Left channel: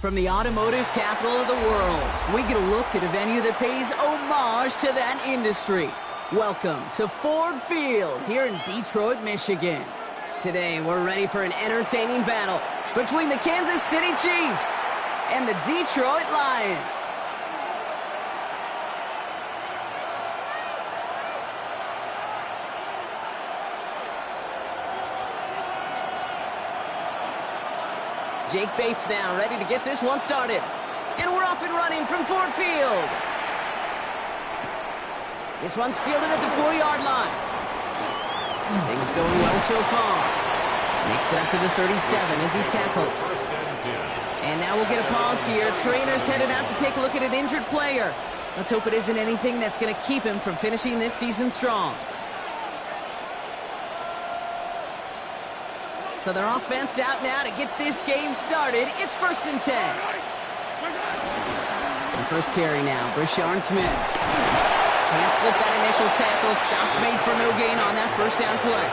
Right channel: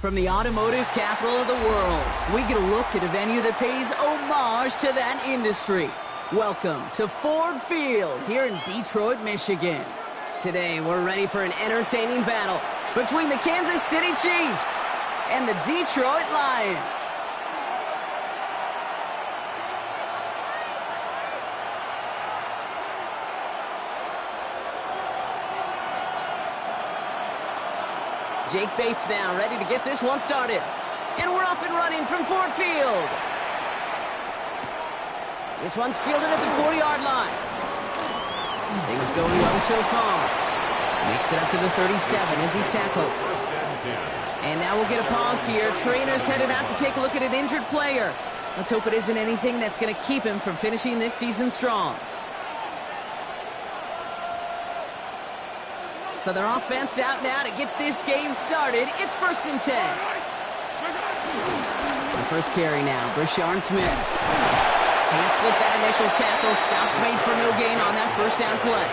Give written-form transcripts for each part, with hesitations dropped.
From the automotive capital of the world, we get a look at a venue that pays homage to that industry. Welcome to Ford Field here in Detroit, Michigan. Today, we're ready for an entertaining battle between the Kansas City Chiefs and the Detroit Lions. Jake Bates now ready to get this one started. And we're off and running from Ford Field. This one's fielded at the 40-yard line. Things going well so far. Makes it up to the 37 as he's tackled. And now we'll get a pause here. Trainer's headed out to take a look at an injured player. Let's hope it isn't anything that's going to keep him from finishing this season strong. So their offense out now to get this game started. It's 1st and 10. The first carry now, Brashard Smith. Can't slip that initial tackle. Stops made for no gain on that first down play.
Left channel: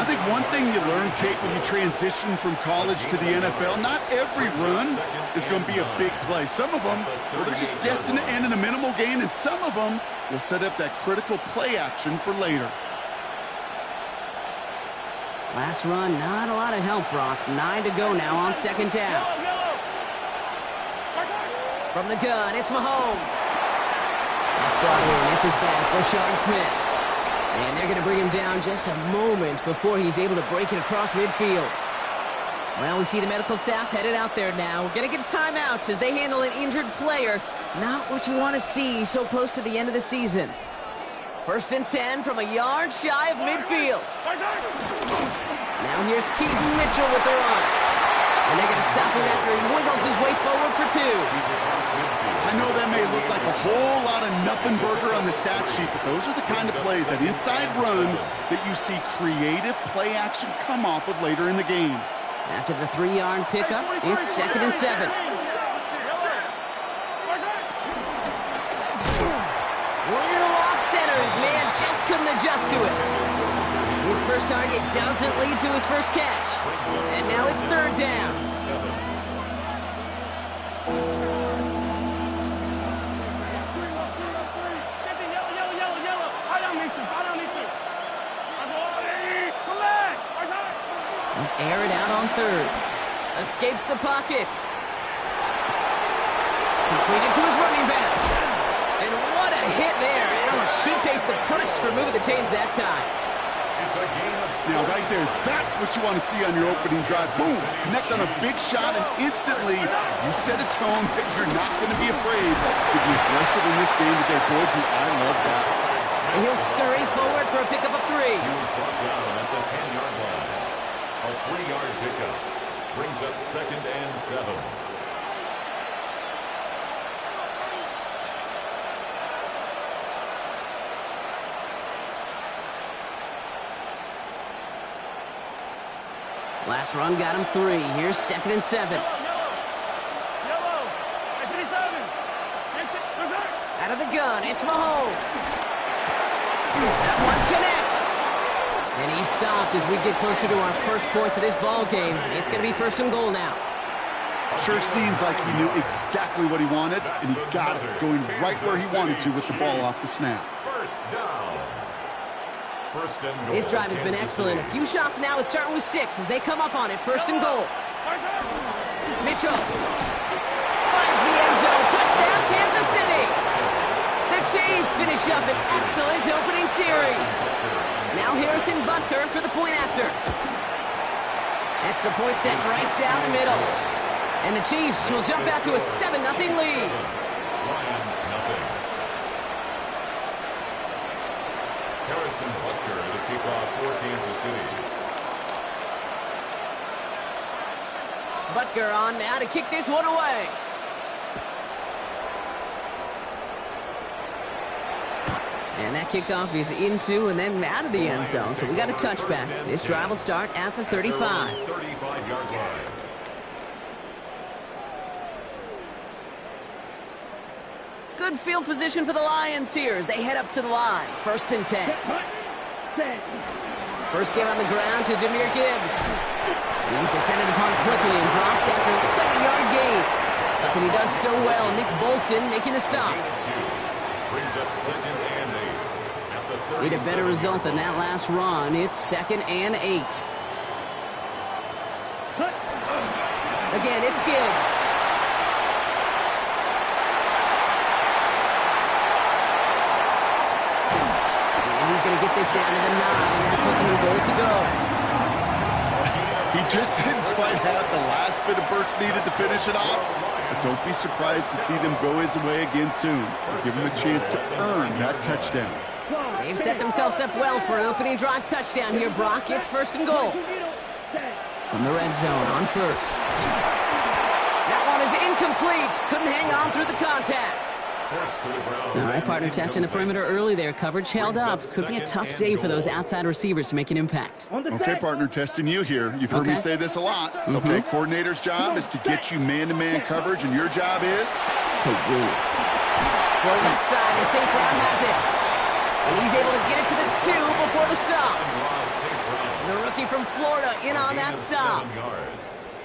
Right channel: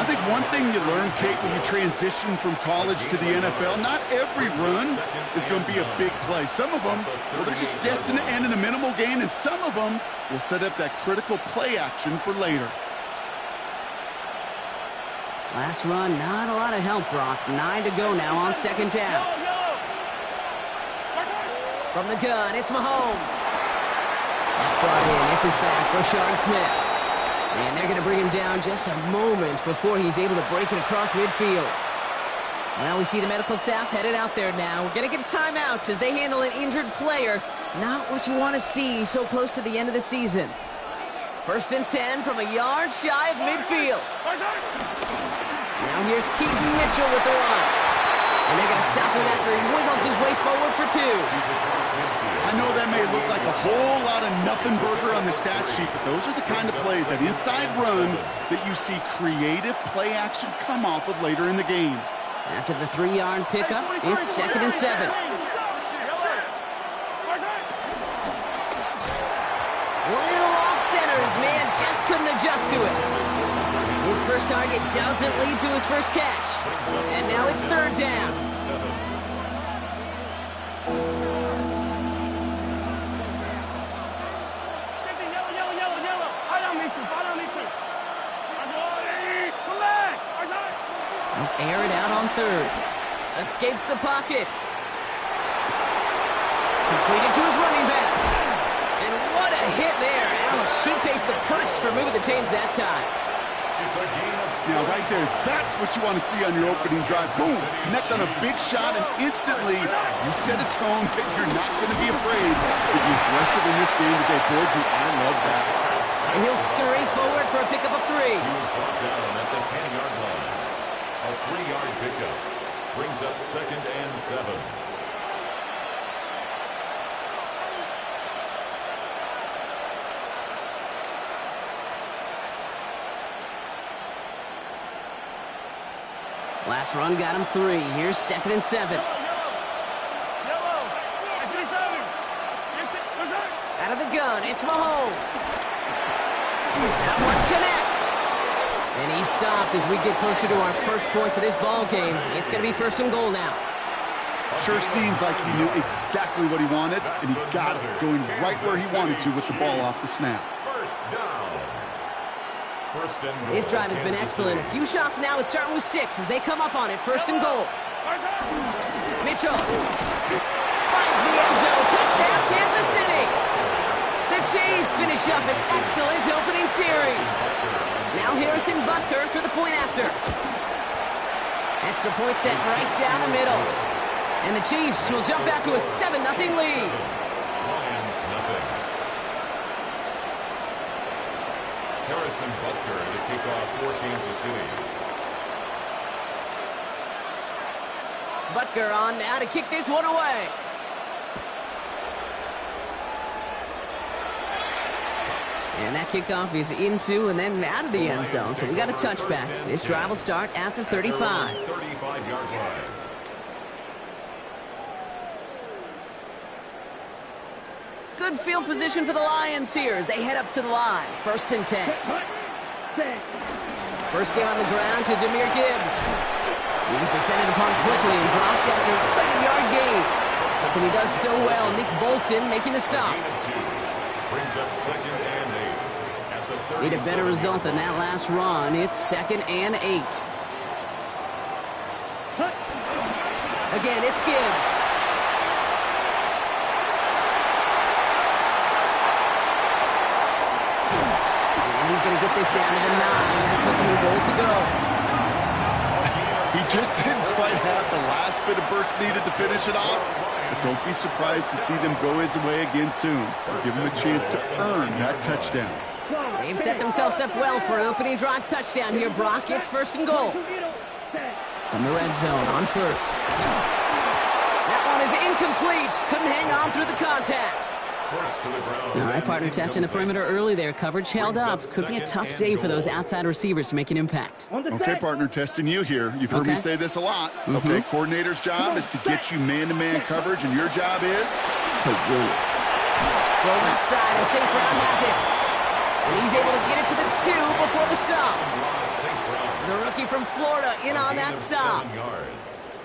I think one thing you learn, Kate, when you transition from college to the NFL, not every run is going to be a big play. Some of them, well, they're just destined to end in a minimal gain, and some of them will set up that critical play action for later. Last run, not a lot of help, Brock. 9 to go now on 2nd down. From the gun, it's Mahomes. That's brought in. It's his back, Brashard Smith. And they're going to bring him down just a moment before he's able to break it across midfield. Well, we see the medical staff headed out there now. We're going to get a timeout as they handle an injured player. Not what you want to see so close to the end of the season. 1st and 10 from a yard shy of midfield. Now here's Keaton Mitchell with the run. And they're going to stop him after he wiggles his way forward for 2. I know that may look like a whole lot of nothing burger on the stat sheet, but those are the kind of plays, that inside run, that you see creative play action come off of later in the game. After the 3-yard pickup, it's 2nd and 7. Little off center, his man just couldn't adjust to it. His first target doesn't lead to his first catch. And now it's 3rd down. Air it out on 3rd. Escapes the pocket. Completed to his running back. And what a hit there. Alex, she pays the price for moving the chains that time. Now, right there, that's what you want to see on your opening drive. Boom! Connect on a big shot, and instantly you set a tone that you're not going to be afraid to be aggressive in this game today. Boy, do I love that. And he'll scurry forward for a pickup of 3. He was brought down at the 10-yard line. A 3-yard pickup brings up 2nd and 7. Last run got him 3. Here's 2nd and 7. Out of the gun, it's Mahomes. That one connects. And he stopped as we get closer to our first points of this ball game. It's going to be 1st and goal now. Sure seems like he knew exactly what he wanted, and he got it, going right where he wanted to with the ball off the snap. 1st down. 1st and goal. His drive has been excellent. A few shots now. It's starting with 6 as they come up on it. 1st and goal. Mitchell finds the end zone. Touchdown, Kansas City. The Chiefs finish up an excellent opening series. Now Harrison Butker for the point after. Extra point set right down the middle. And the Chiefs will jump out to a 7-0 lead. Lions nothing. Harrison Butker to kick off for Kansas City. Butker on now to kick this one away. And that kickoff is into and then out of the end zone. So we got a touchback. This drive will start at the 35. 35-yard line. Good field position for the Lions here as they head up to the line. 1st and 10. First game on the ground to Jahmyr Gibbs. He's descended upon quickly and dropped after it looks like a yard gain. Something he does so well. Nick Bolton making the stop. Brings up 2nd and 8. At the Need a better result than that last run. It's 2nd and 8. Again, it's Gibbs. And he's going to get this down to the 9. That puts him in goal to go. He just didn't quite have the last bit of burst needed to finish it off. But don't be surprised to see them go his way again soon. Give him a chance to earn that touchdown. They've set themselves up well for an opening drive touchdown here, Brock. It's 1st and goal. From the red zone on 1st. That one is incomplete. Couldn't hang on through the contact. All right, partner, testing the perimeter early there. Coverage held up. Could be a tough day for those outside receivers to make an impact. Okay, partner, testing you here. You've heard me say this a lot. Okay, coordinator's job is to get you man-to-man coverage, and your job is to win it. Throw left side, and St. Brown has it. And he's able to get it to the 2 before the stop. The rookie from Florida in on that stop.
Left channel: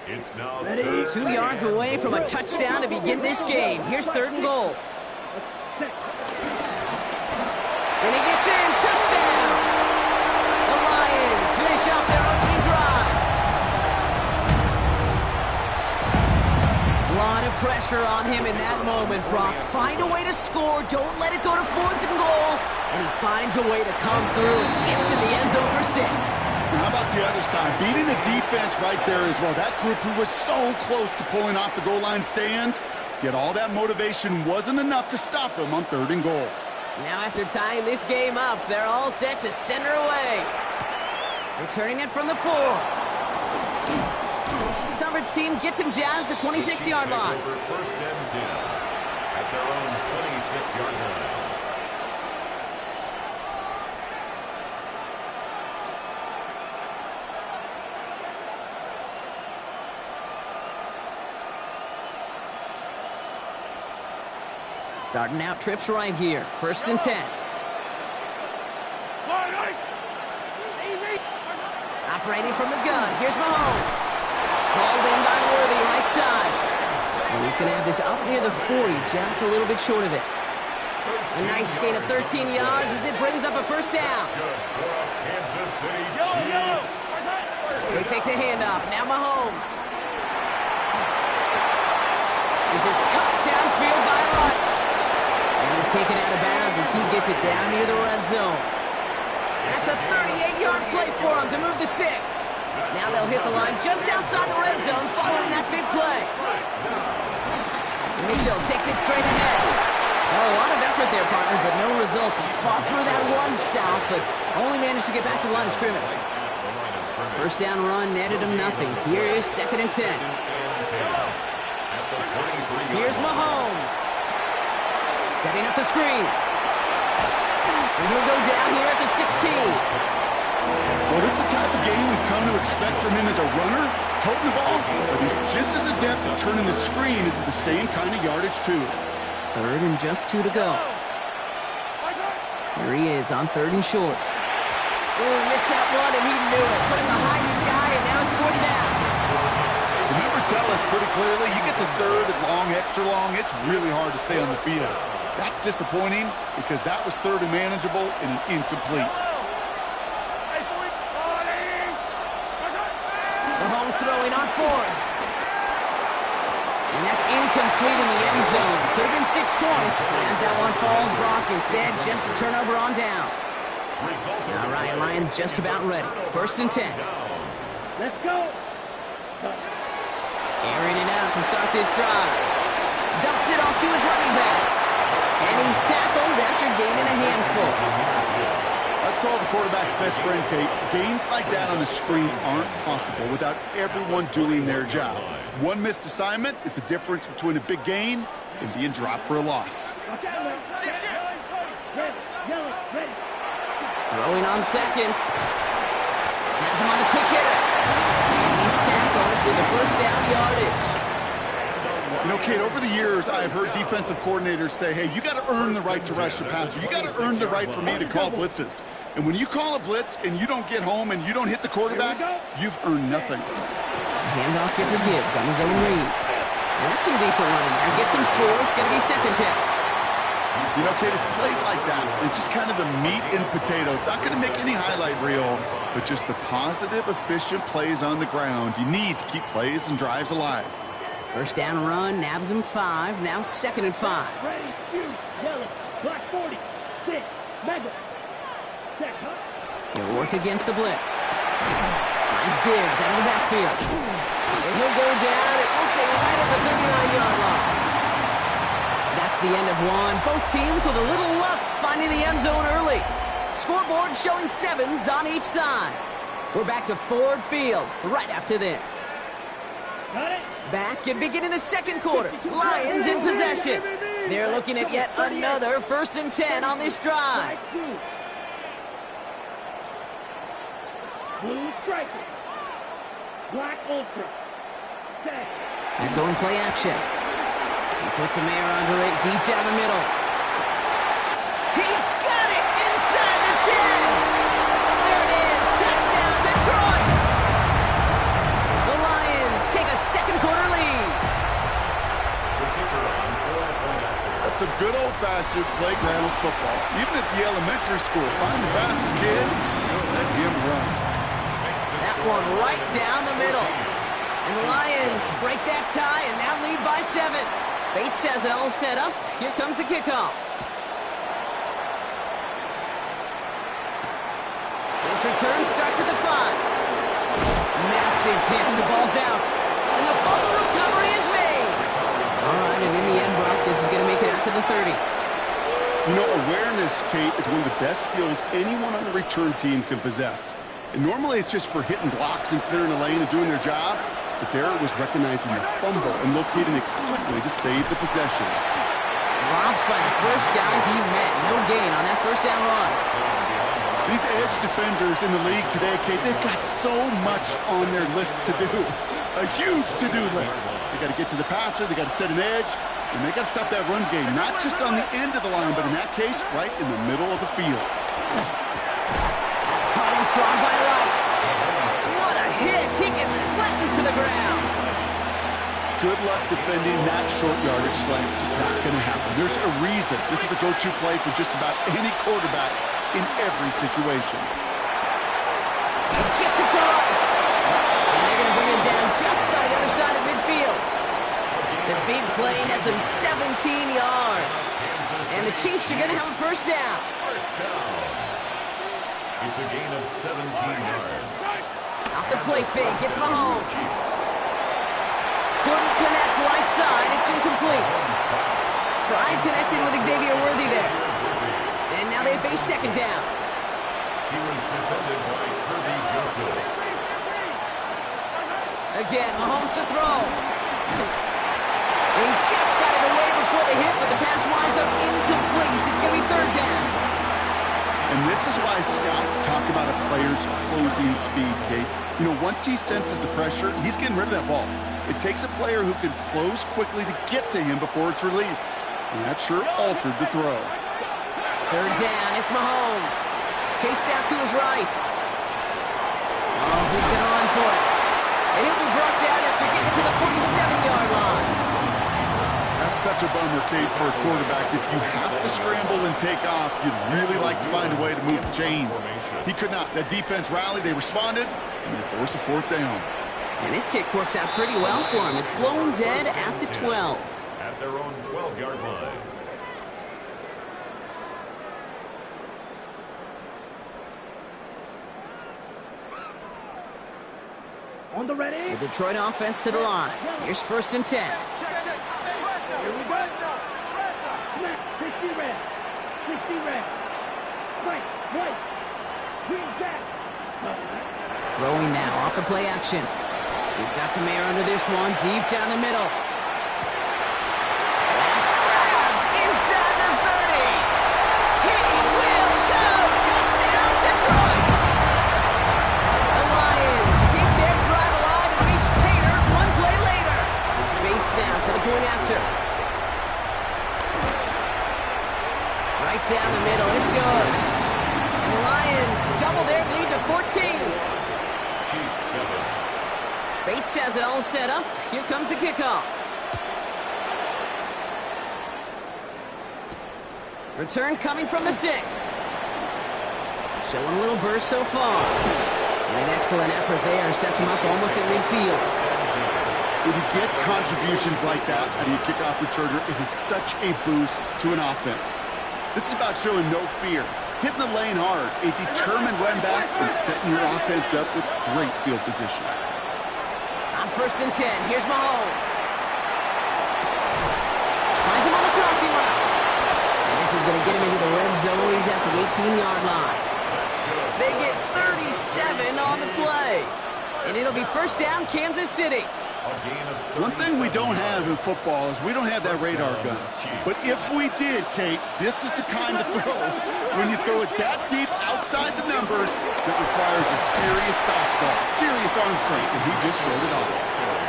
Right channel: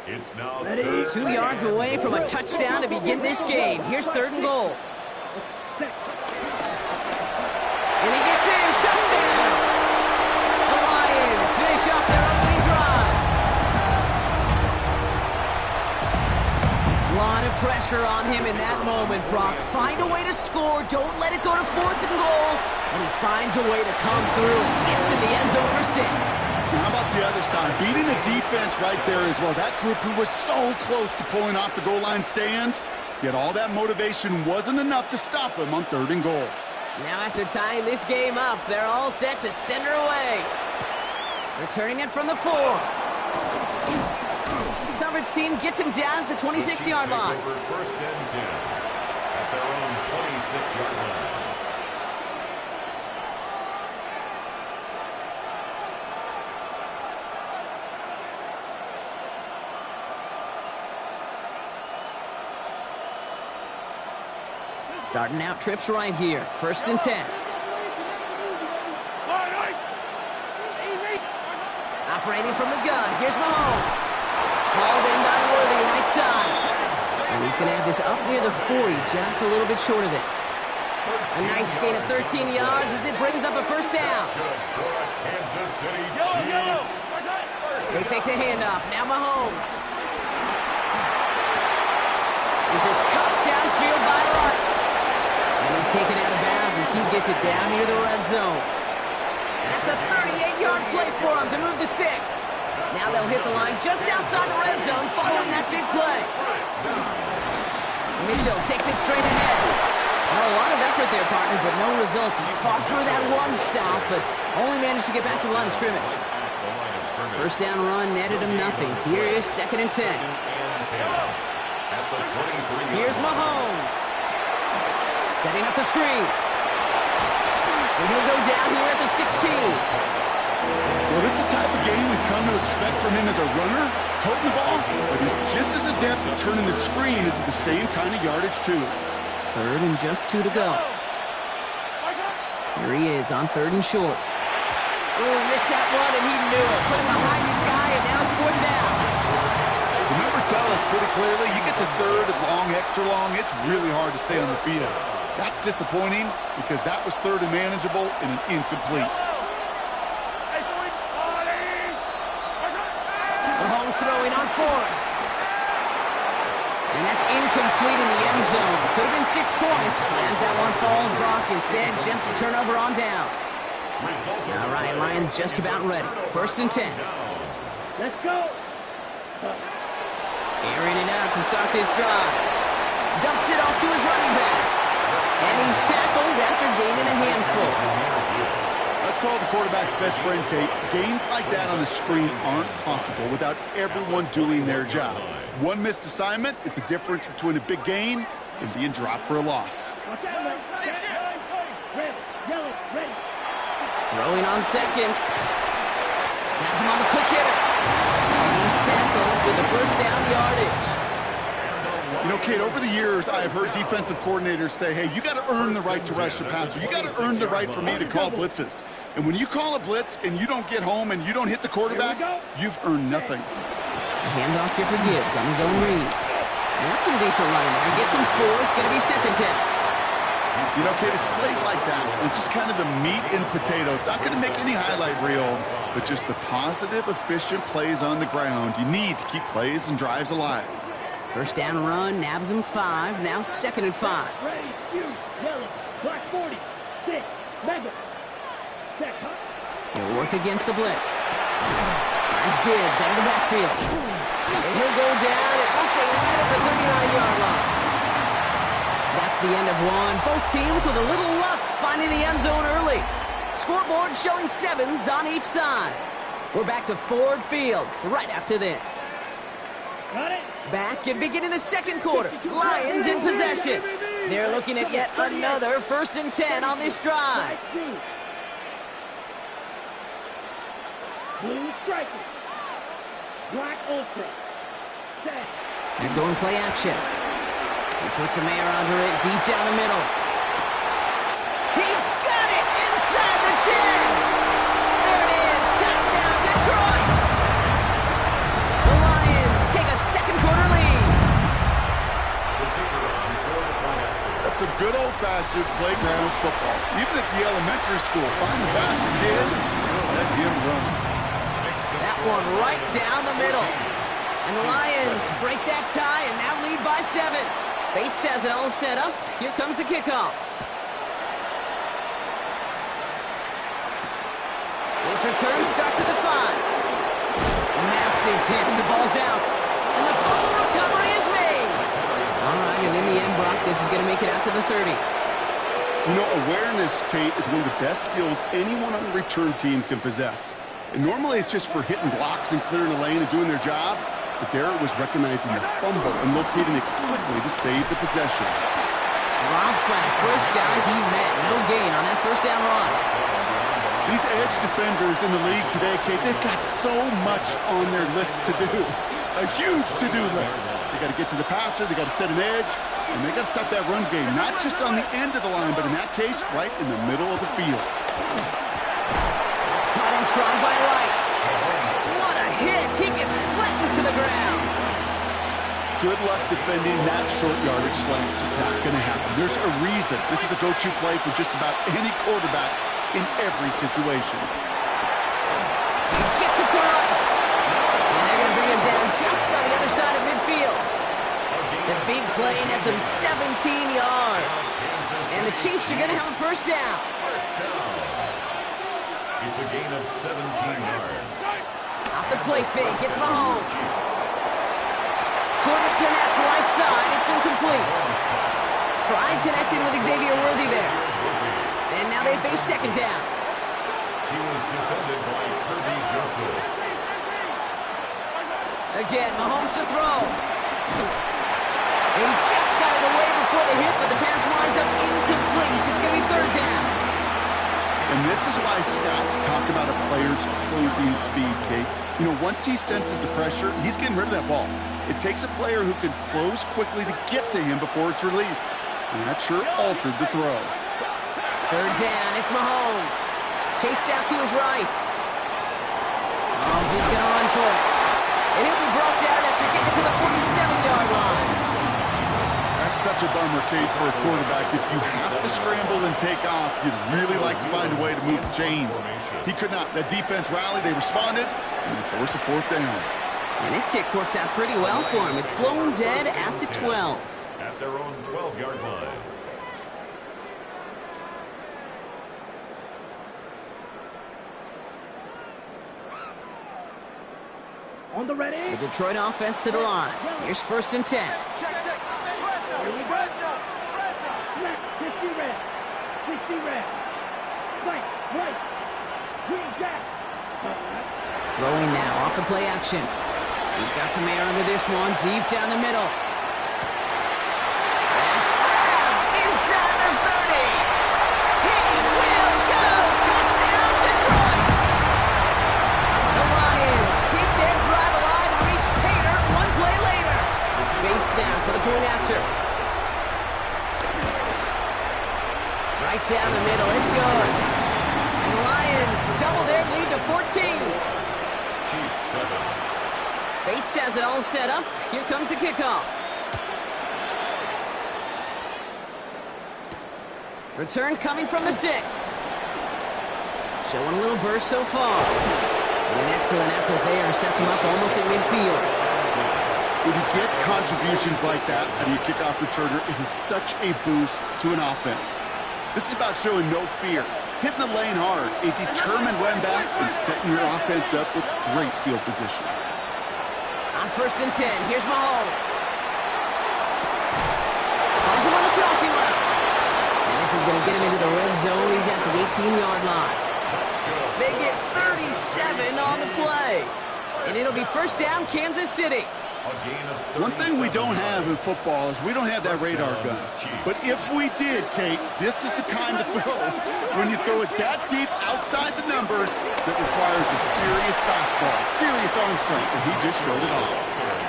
It's now 2 yards away from a touchdown to begin this game. Here's 3rd and goal. And he gets in. Touchdown! The Lions finish off their opening drive. A lot of pressure on him in that moment, Brock. Find a way to score. Don't let it go to 4th and goal. And he finds a way to come through and gets in the end zone for 6. How about the other side? Beating the defense right there as well. That group who was so close to pulling off the goal line stand, yet all that motivation wasn't enough to stop him on 3rd and goal. Now after tying this game up, they're all set to send her away. Returning it from the 4. Coverage team gets him down at the 26-yard line. 1st and 10 at their own 26-yard line. Starting out trips right here. 1st and 10. Operating from the gun. Here's Mahomes. Called in by Worthy, right side. And he's going to have this up near the 40, just a little bit short of it. A nice gain of 13 yards as it brings up a 1st down. They fake the handoff. Now Mahomes. This is cut downfield by Rice. And he's taken out of bounds as he gets it down near the red zone. That's a 38-yard play for him to move the sticks. Now they'll hit the line just outside the red zone following that big play. Mitchell takes it straight ahead. Well, a lot of effort there, partner, but no results. He fought through that one stop, but only managed to get back to the line of scrimmage. 1st down run netted him nothing. Here is 2nd and 10. Here's Mahomes. Setting up the screen. And he'll go down here at the 16. Well, this is the type of game we've come to expect from him as a runner, toting the ball, but he's just as adept at turning the screen into the same kind of yardage, too. 3rd and just 2 to go. Here he is on 3rd and short. Ooh, missed that one, and he knew it. Put him behind his guy, and now it's 4th down. The numbers tell us pretty clearly, you get to 3rd and long, extra long, it's really hard to stay on the field. That's disappointing because that was 3rd and manageable and an incomplete. Mahomes throwing on 4th. And that's incomplete in the end zone. Could have been 6 points, but as that one falls, Brock, instead just a turnover on downs. All right, Lions just about ready. 1st and 10. Let's go. Airing it out to start this drive. Dumps it off to his running back. And he's tackled after gaining a handful. Let's call the quarterback's best friend, Kate. Gains like that on the screen aren't possible without everyone doing their job. One missed assignment is the difference between a big gain and being dropped for a loss. Throwing on 2nd. Has him on the quick hitter. And he's tackled with the 1st down yardage. You know, Kate, over the years, I've heard defensive coordinators say, hey, you got to earn the right to rush the passer. You got to earn the right for me to call blitzes. And when you call a blitz and you don't get home and you don't hit the quarterback, you've earned nothing. handoff here for Gibbs on his own read. And that's some decent running there. Gets him 4. It's going to be second down. You know, kid, it's plays like that. It's just kind of the meat and potatoes. Not going to make any highlight reel, but just the positive, efficient plays on the ground. You need to keep plays and drives alive. First down run, nabs him 5. Now 2nd and 5. Ready, shoot, yellow, black 40, 6, mega. Check, huh? He'll work against the blitz. Finds Gibbs out of the backfield. And he'll go down, and we'll say right at the 39-yard line. That's the end of one. Both teams with a little luck finding the end zone early. Scoreboard showing 7s on each side. We're back to Ford Field right after this. Got it? Back and beginning the second quarter. Lions in possession. They're looking at yet another 1st and 10 on this drive. Blue striker. Black ultra. Set. They're going play action. He puts a Mayer under it deep down the middle. He's got it inside the 10. There it is. Touchdown, Detroit. The Lions take a second quarter lead. The kicker on for the point after. That's some good old-fashioned playground football. Even at the elementary school, find the fastest kid, let him run. That one right down the middle. And the Lions break that tie and now lead by 7. Bates has it all set up. Here comes the kickoff. This return starts at the 5. Massive hits. The ball's out. And the fumble recovery is made. All right, and in the end, Brock, this is going to make it out to the 30. You know, awareness, Kate, is one of the best skills anyone on the return team can possess. And normally it's just for hitting blocks and clearing a lane and doing their job. But there it was recognizing the fumble and locating it quickly to save the possession. Dropped by the first guy he met. No gain on that first down run. These edge defenders in the league today, Kate, they've got so much on their list to do. A huge to-do list. They got to get to the passer, they got to set an edge, and they got to stop that run game. Not just on the end of the line, but in that case, right in the middle of the field. That's caught in strong by Rice. What a hit! He gets flattened to the ground. Good luck defending that short yardage slant. Just not going to happen. There's a reason. This is a go-to play for just about any quarterback in every situation. He gets it to Rice. And they're going to bring him down just on the other side of midfield. The big play nets him 17 yards. And the Chiefs are going to have a first down. First down. It's a gain of 17 yards. Off the play fake, it's Mahomes. Couldn't connect right side, it's incomplete. Tried connecting with Xavier Worthy there. And now they face second down. He was defended by Kirby Joseph. Again, Mahomes to throw. And he just got it away before the hit, but the pass winds up incomplete. It's going to be third down. And this is why scouts talk about a player's closing speed, Kate. You know, once he senses the pressure, he's getting rid of that ball. It takes a player who can close quickly to get to him before it's released. And that sure altered the throw. Third down, it's Mahomes. Chased out to his right. Oh, he's going to run for it. And he'll be brought down after getting to the 47-yard line. That's such a bummer, Kate, for a quarterback. If you have to scramble and take off, you'd really like to find a way to move the chains. He could not. That defense rallied, they responded, and they forced a fourth down. And this kick works out pretty well for him. It's blown dead at the 12. At their own 12-yard line. On the ready. The Detroit offense to the line. Here's 1st and 10. Here we go. Snap, 60 red. 60 red. Right. Green jack. Throwing now off the play action. He's got some air under this one, deep down the middle. That's grabbed inside the 30. He will go. Touchdown, Detroit. The Lions keep their drive alive and reach Pater one play later. Bates now for the point after. Right down the middle, it's good. And the Lions double their lead to 14. Chiefs 7. Bates has it all set up. Here comes the kickoff. Return coming from the 6. Showing a little burst so far. And an excellent effort there sets him up almost at midfield. When you get contributions like that out of your kickoff returner, it is such a boost to an offense. This is about showing no fear, hitting the lane hard, a determined run back, and setting your offense up with great field position. On 1st and 10, here's Mahomes. Finds him on the crossing route. And this is going to get him into the red zone. He's at the 18-yard line. They get 37 on the play. And it'll be 1st down, Kansas City. One thing we don't have in football is we don't have that radar gun. But if we did, Kate, this is the kind of throw, when you throw it that deep outside the numbers, that requires a serious fastball, serious arm strength, and he just showed it off.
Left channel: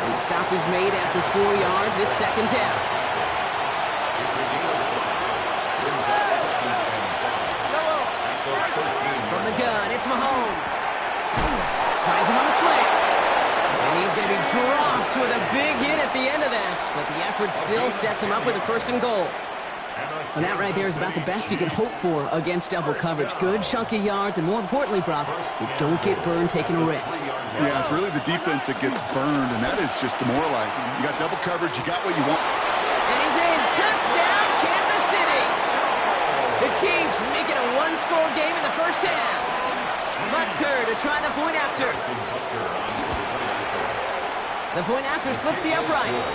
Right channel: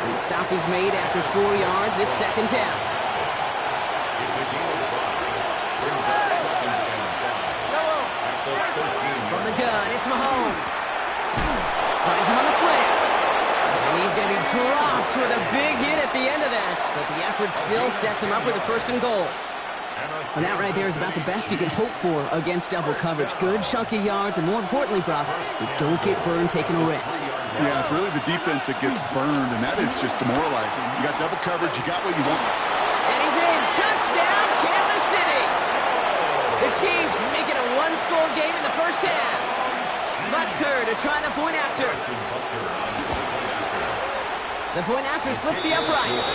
And the stop is made after 4 yards. It's 2nd down. It's a gain of 5. Brings up 2nd and 5. At the 13. From the gun, it's Mahomes. Finds him on the slant. And he's going to be dropped with a big hit at the end of that. But the effort still sets him up with a 1st and goal. And that right there is about the best you can hope for against double coverage. Good chunky yards, and more importantly, Brock, you don't get burned taking a risk. Yeah, it's really the defense that gets burned, and that is just demoralizing. You got double coverage, you got what you want. And he's in. Touchdown, Kansas City. The Chiefs make it a one-score game in the 1st half. Butker to try the point after. The point after splits the uprights.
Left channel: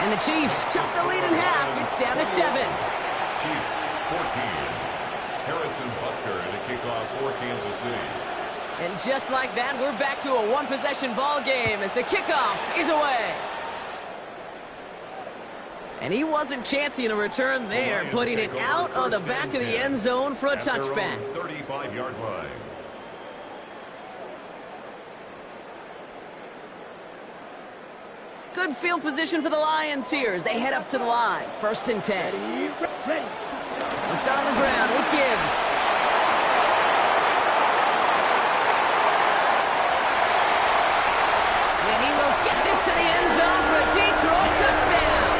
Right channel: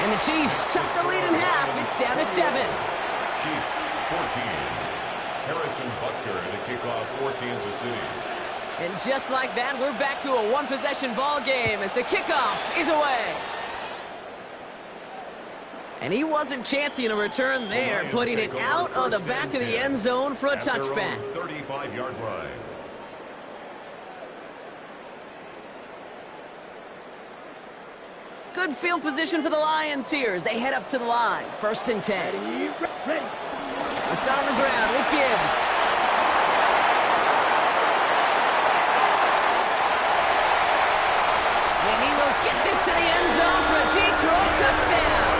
And the Chiefs chop the lead in half. It's down to 7. Chiefs 14. Harrison Butker to kick off for Kansas City. And just like that, we're back to a one-possession ball game as the kickoff is away. And he wasn't chancing a return there, putting it out of the back of the end zone for a touchback. 35-yard line. Good field position for the Lions here as they head up to the line. 1st and 10. Ready. We'll start on the ground with Gibbs. And he will get this to the end zone for a Detroit touchdown.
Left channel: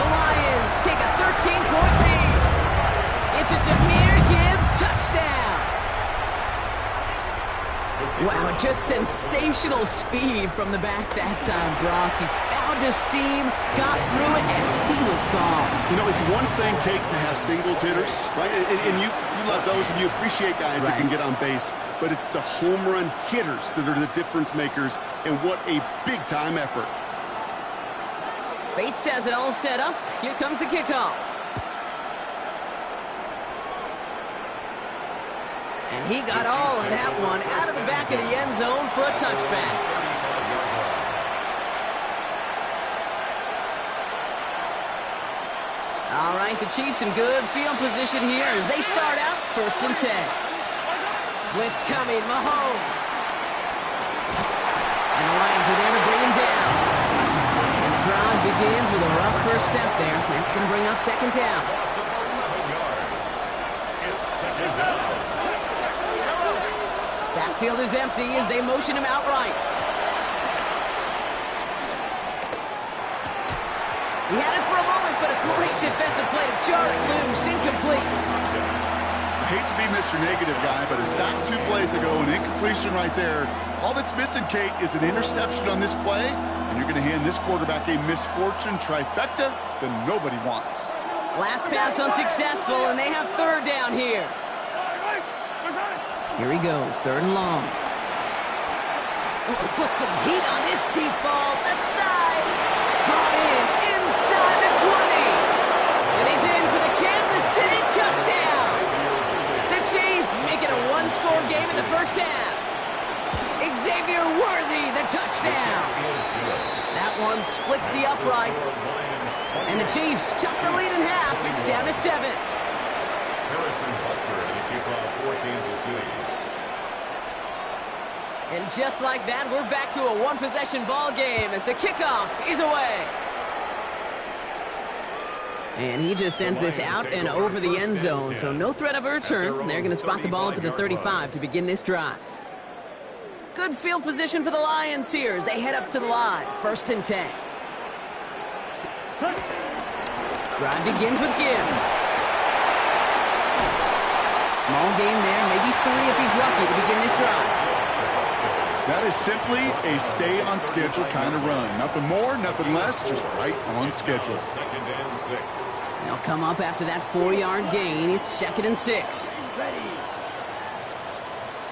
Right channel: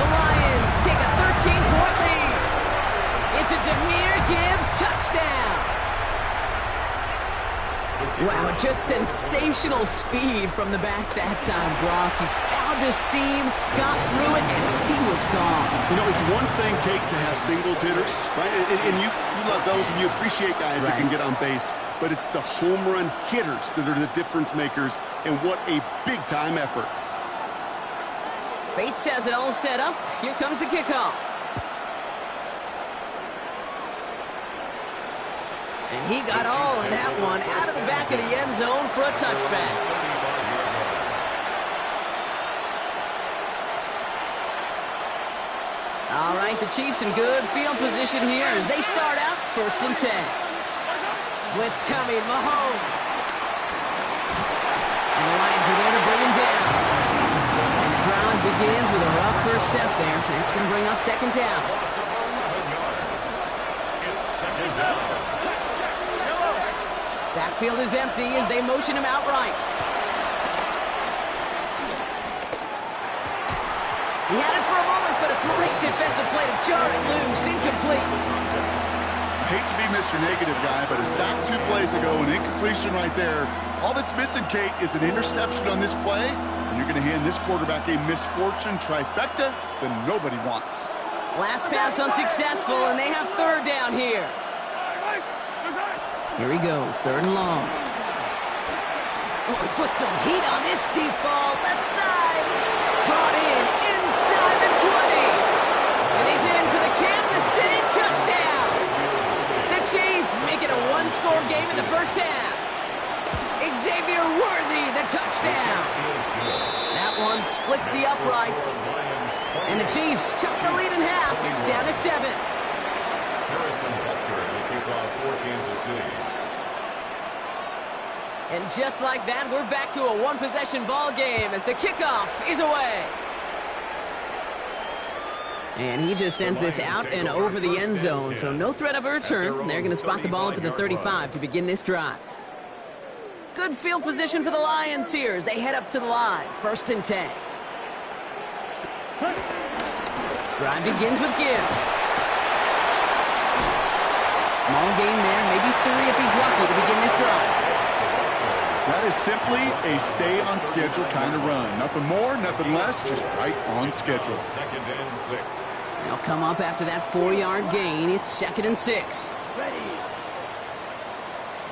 The Lions take a 13-point lead. It's a Jahmyr Gibbs touchdown. Wow, just sensational speed from the back that time, Brock. He found a seam, got through it, and he was gone. You know, it's one thing, Kate, to have singles hitters, right? And you love those, and you appreciate guys that can get on base. But it's the home run hitters that are the difference makers, and what a big-time effort. Bates has it all set up. Here comes the kickoff. And he got all of that one out of the back of the end zone for a touchback. All right, the Chiefs in good field position here as they start out 1st and 10. Blitz coming, Mahomes. And the Lions are there to bring him down. And the drive begins with a rough first step there. That's going to bring up 2nd down. Loss of 11 yards. It's 2nd down. Backfield is empty as they motion him outright. He had it for a moment, but a great defensive play to jar it loose, incomplete. I hate to be Mr. Negative guy, but a sack 2 plays ago, an incompletion right there. All that's missing, Kate, is an interception on this play, and you're going to hand this quarterback a misfortune trifecta that nobody wants. Last pass unsuccessful, and they have 3rd down here. Here he goes, 3rd and long. Oh, put some heat on this deep ball, left side. Brought in, inside the 20. And he's in for the Kansas City touchdown. The Chiefs make it a one-score game in the 1st half. Xavier Worthy, the touchdown. That one splits the uprights. And the Chiefs chop the lead in half. It's down to 7. Harrison Butker to kick off for Kansas City. And just like that, we're back to a one-possession ball game as the kickoff is away. And he just sends this out and over the end zone, so no threat of a return. They're going to spot the ball up at the 35 to begin this drive. Good field position for the Lions here as they head up to the line. 1st and 10. Drive begins with Gibbs. Small gain there, maybe 3 if he's lucky to begin this drive. That is simply a stay-on-schedule kind of run. Nothing more, nothing less, just right on schedule. 2nd and 6. They'll come up after that 4-yard gain. It's 2nd and 6. Ready.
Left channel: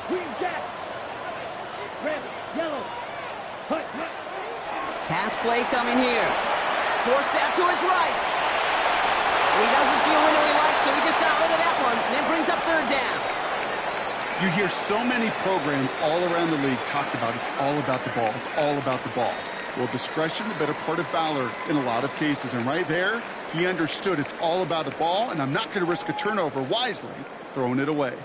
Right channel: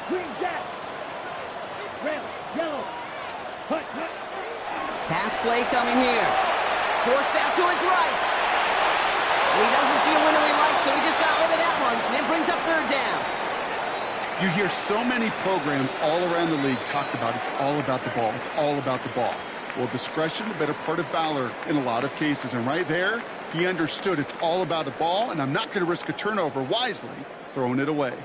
Green jack. Red, yellow. Hut, hut. Pass play coming here. Forced out to his right. And he doesn't see a window he likes, so he just got rid of that one. And then brings up 3rd down. You hear so many programs all around the league talk about it's all about the ball. It's all about the ball. Well, discretion, the better part of valor in a lot of cases. And right there, he understood it's all about the ball, and I'm not going to risk a turnover, wisely throwing it away.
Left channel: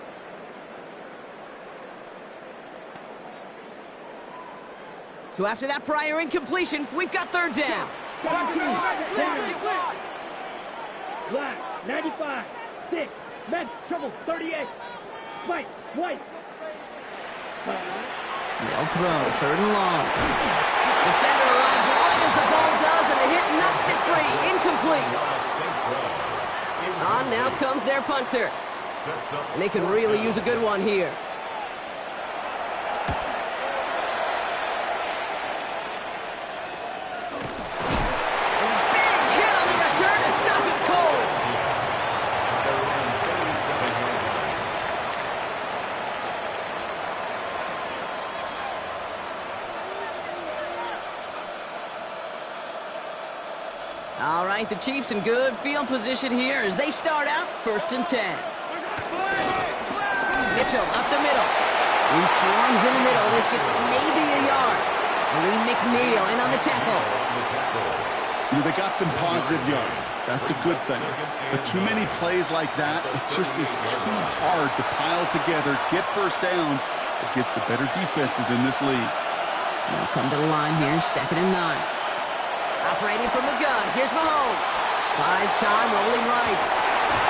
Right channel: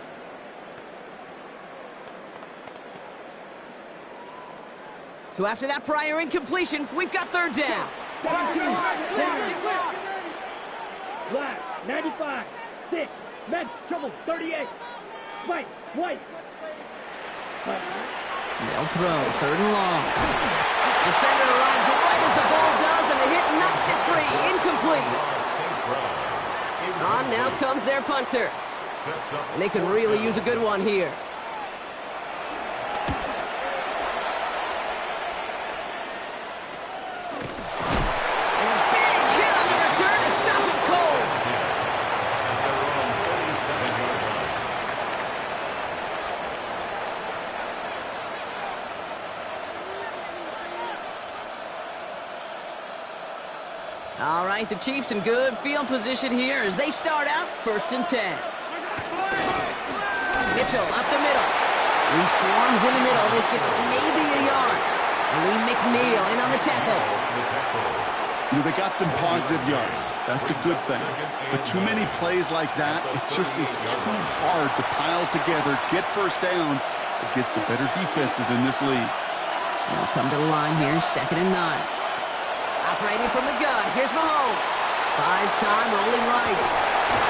So after that prior incompletion, we've got 3rd down. Black, 95, 6, med, shovel, 38, white, white. They'll throw 3rd and long. Defender arrives right as the ball does, and the hit knocks it free. Incomplete. On now comes their punter. And they could really use a good one here. And a big hit on the return to stop him cold. At their own 37-yard line. All right, the Chiefs in good field position here as they start out 1st and 10. Mitchell up the middle. He swarms in the middle. This gets maybe a yard. Lee McNeil in on the tackle. You know, they got some positive yards. That's a good thing. But too many plays like that, it just is too hard to pile together, get 1st downs against the better defenses in this league. They'll come to the line here, 2nd and 9. Operating from the gun, here's Mahomes. Buys time, rolling right.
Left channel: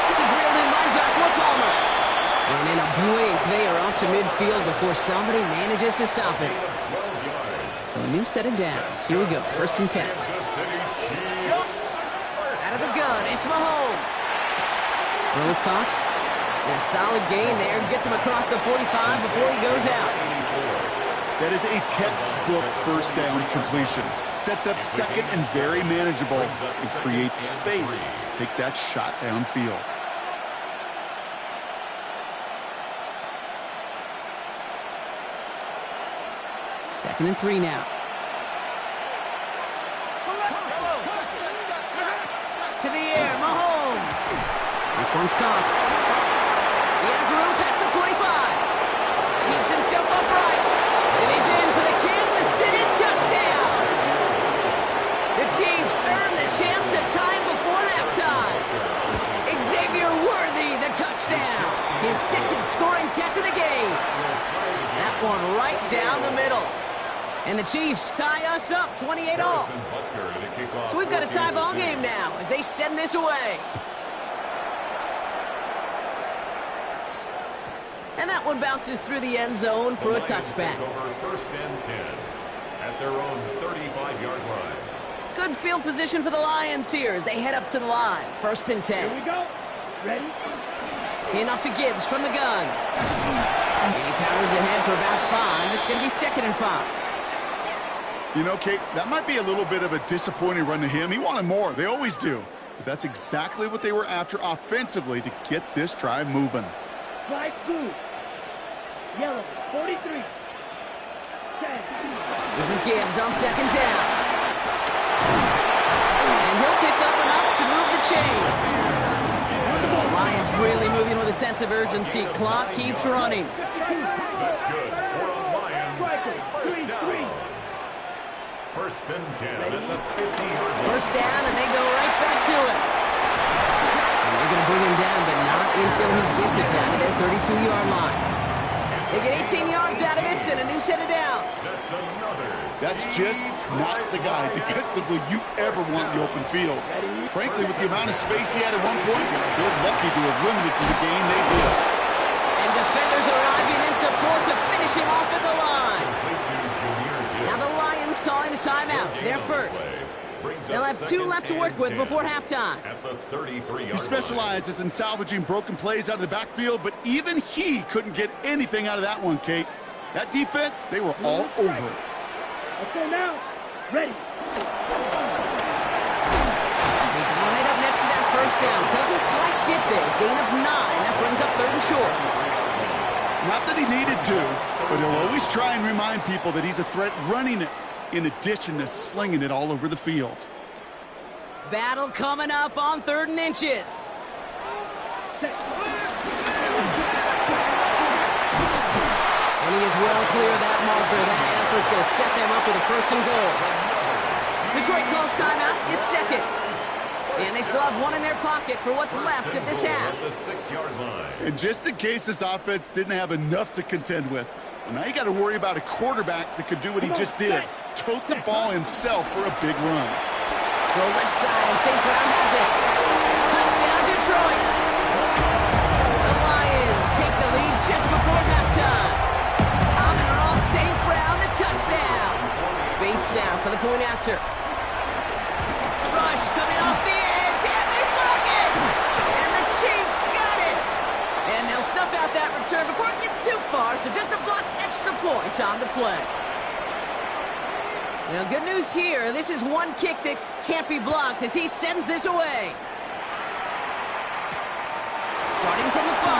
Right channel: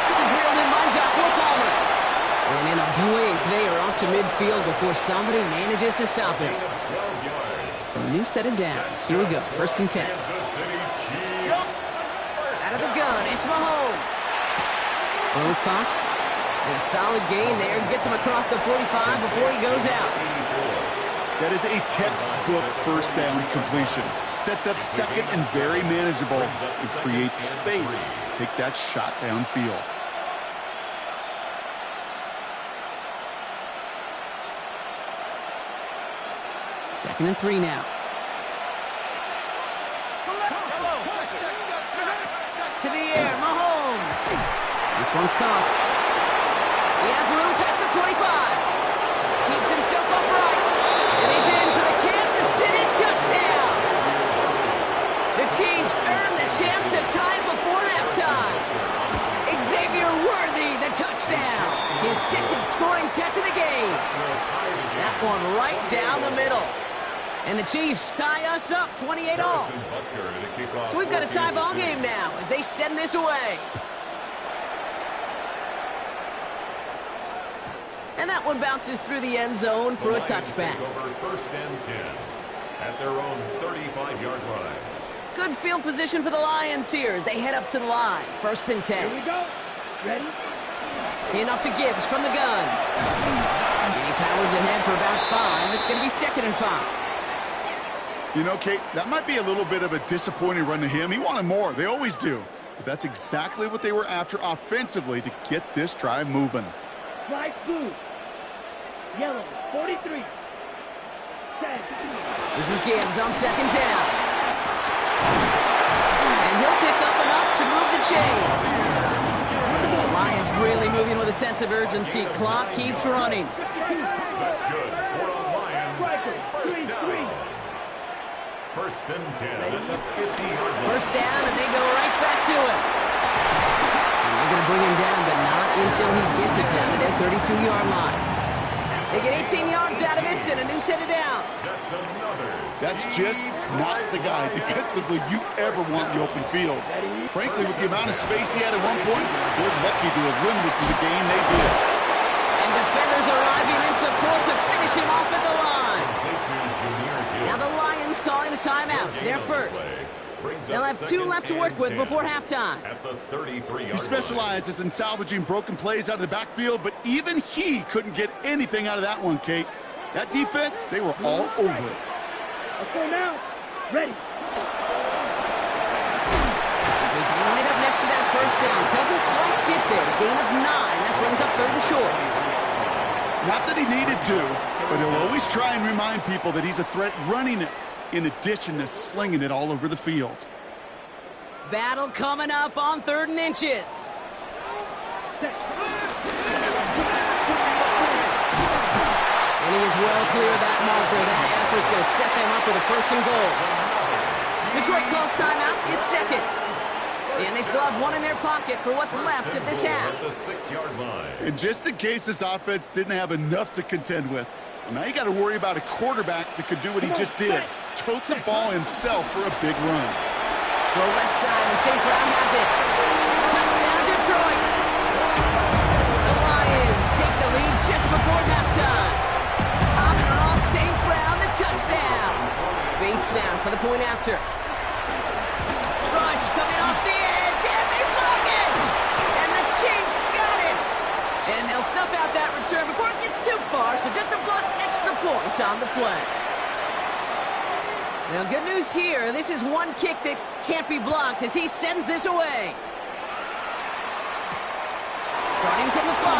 This is reeled in by Joshua Palmer. And in a blink, they are off to midfield before somebody manages to stop him. So a new set of downs. Here we go, 1st and 10. Out of the gun, it's Mahomes. Throws caught. And a solid gain there. Gets him across the 45 before he goes out. That is a textbook 1st down completion. Sets up 2nd and very manageable and creates space to take that shot downfield. Second and 3 now. To the air, Mahomes. This one's caught. He has room past the 25. Keeps himself upright. And he's in for the Kansas City touchdown. The Chiefs earn the chance to tie before halftime. Xavier Worthy, the touchdown. His 2nd scoring catch of the game. That one right down the middle. And the Chiefs tie us up 28-all. So we've got a tie ball game now as they send this away. And that one bounces through the end zone for a touchback. Over 1st and 10 at their own 35-yard line. Good field position for the Lions here as they head up to the line. 1st and 10. Here we go. Ready? Enough to Gibbs from the gun. And he powers ahead for about 5. It's going to be 2nd and 5. You know, Kate, that might be a little bit of a disappointing run to him. He wanted more. They always do. But that's exactly what they were after offensively to get this drive moving. Flag blue. Yellow, 43. 10. This is Gibbs on 2nd down. And he'll pick up enough to move the chains. The Lions really moving with a sense of urgency. Clock keeps running. That's good. For a Lions 1st down. 1st and 10 at the 50-yard line. 1st down, and they go right back to it. And they're going to bring him down, but not until he gets it down to their 32-yard line. They get 18 yards out of it and a new set of downs. That's just not the guy defensively you ever want in the open field. Frankly, with the amount of space he had at one point, they're lucky to have limited to the game they did. And defenders arriving in support to finish him off at the line. Now the Lions calling a timeout. They're first. They'll have 2 left to work with before halftime. At the 33-yard He specializes in salvaging broken plays out of the backfield, but even he couldn't get anything out of that one, Kate. That defense, they were all over it. Let's go now. Ready. He's right up next to that first down. Doesn't quite get there. Gain of 9. That brings up 3rd and short. Not that he needed to, but he'll always try and remind people that he's a threat running it, in addition to slinging it all over the field. Battle coming up on 3rd and inches. And he is well clear of that marker. That effort's going to set them up with a 1st and goal. Detroit calls timeout. It's 2nd. And they still have 1 in their pocket for what's left of this half. At the 6-yard line. And just in case this offense didn't have enough to contend with, well, now you got to worry about a quarterback that could do what he just did. Tote the ball himself for a big run. Throw left side, and St. Brown has it. Touchdown, Detroit. The Lions take the lead just before halftime. Amon-Ra St. Brown, the touchdown. Bates now for the point after. Rush coming off the edge, and they block it! And the Chiefs got it! And they'll snuff out that return before it gets too far, so just a block extra points on the play. Now, good news here. This is one kick that can't be blocked as he sends this away. Starting from the 5.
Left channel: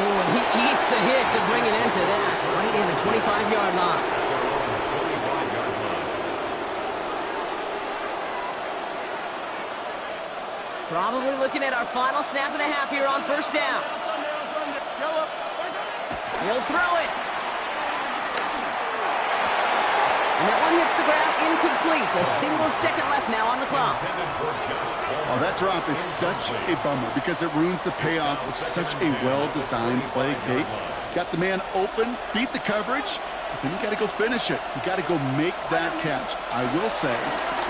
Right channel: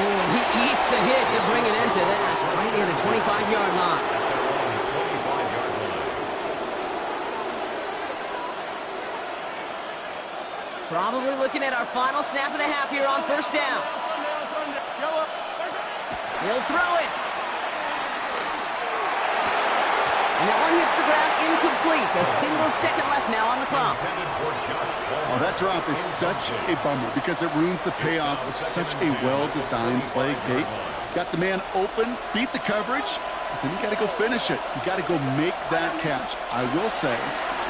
Oh, and he eats a hit to bring an end to that. Right near the 25-yard line. At their own 25-yard line. Probably looking at our final snap of the half here on 1st down. He'll throw it. And that one hits the ground incomplete. A single second left now on the clock. Oh, that drop is such a bummer because it ruins the payoff of such a well-designed play, Kate. Got the man open, beat the coverage, but then you got to go finish it. You got to go make that catch. I will say,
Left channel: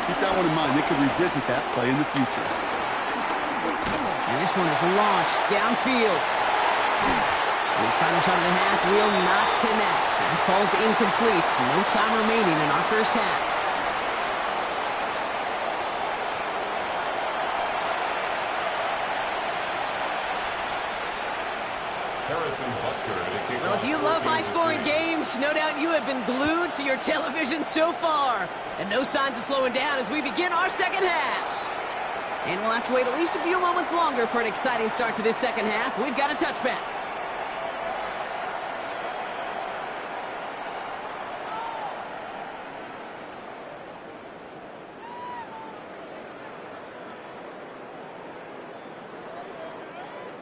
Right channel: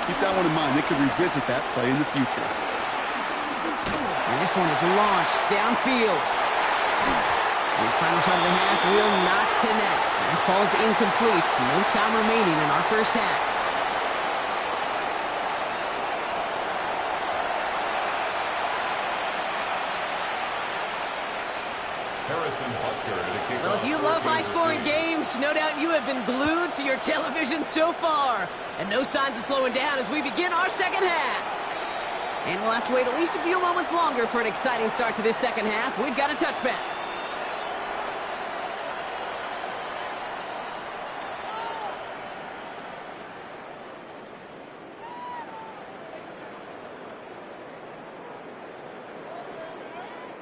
keep that one in mind. They could revisit that play in the future. And this one is launched downfield. And his final shot of the half will not connect. That falls incomplete. No time remaining in our first half. Harrison Butker to kick Well, if you love high-scoring games, no doubt you have been glued to your television so far. And no signs of slowing down as we begin our second half. And we'll have to wait at least a few moments longer for an exciting start to this second half. We've got a touchback.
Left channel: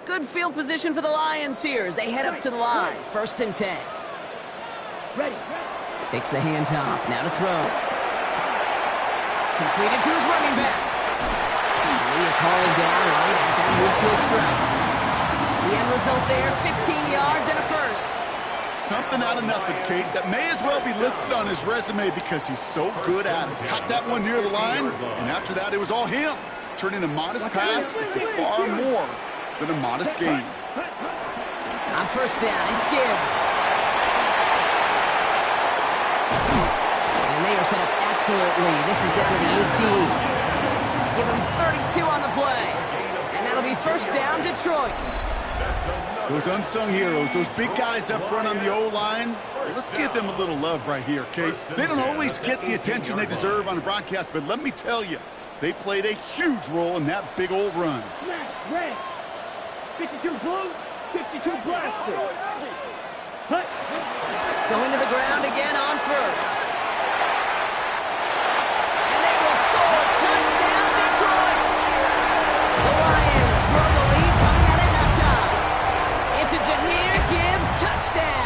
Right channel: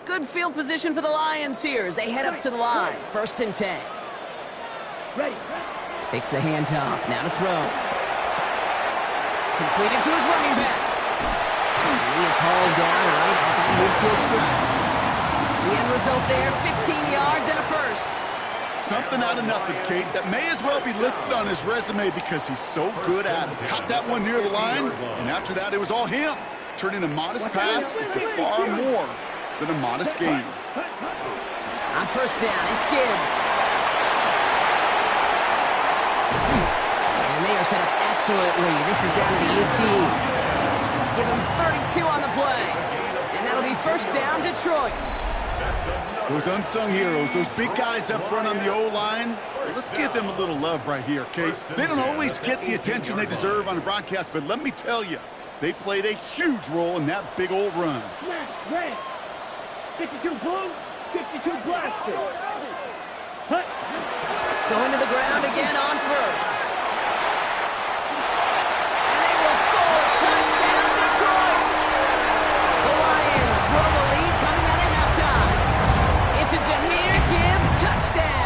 Good field position for the Lions here as they head up to the line. 1st and 10. Ready. Takes the handoff. Now to throw. Completed to his running back. And he is hauled down right at that midfield strike. The end result there, 15 yards and a 1st. Something out of nothing, Kate, that may as well be listed on his resume because he's so good at it. Caught that one near the line, and after that, it was all him. Turning a modest pass into far more than a modest gain. On 1st down, it's Gibbs. And they are set up excellently. This is down to the 18. Give him 32 on the play. And that'll be 1st down, Detroit. Those unsung heroes, those big guys up front on the O-line, let's give them a little love right here, Kate. They don't always get the attention they deserve on the broadcast, but let me tell you, they played a huge role in that big old run. Red. 52 blue, 52 blaster. Hut. Going to the ground again on 1st. And they will score. Touchdown, Detroit. The Lions grow the lead coming out of halftime. It's a Jahmyr Gibbs touchdown.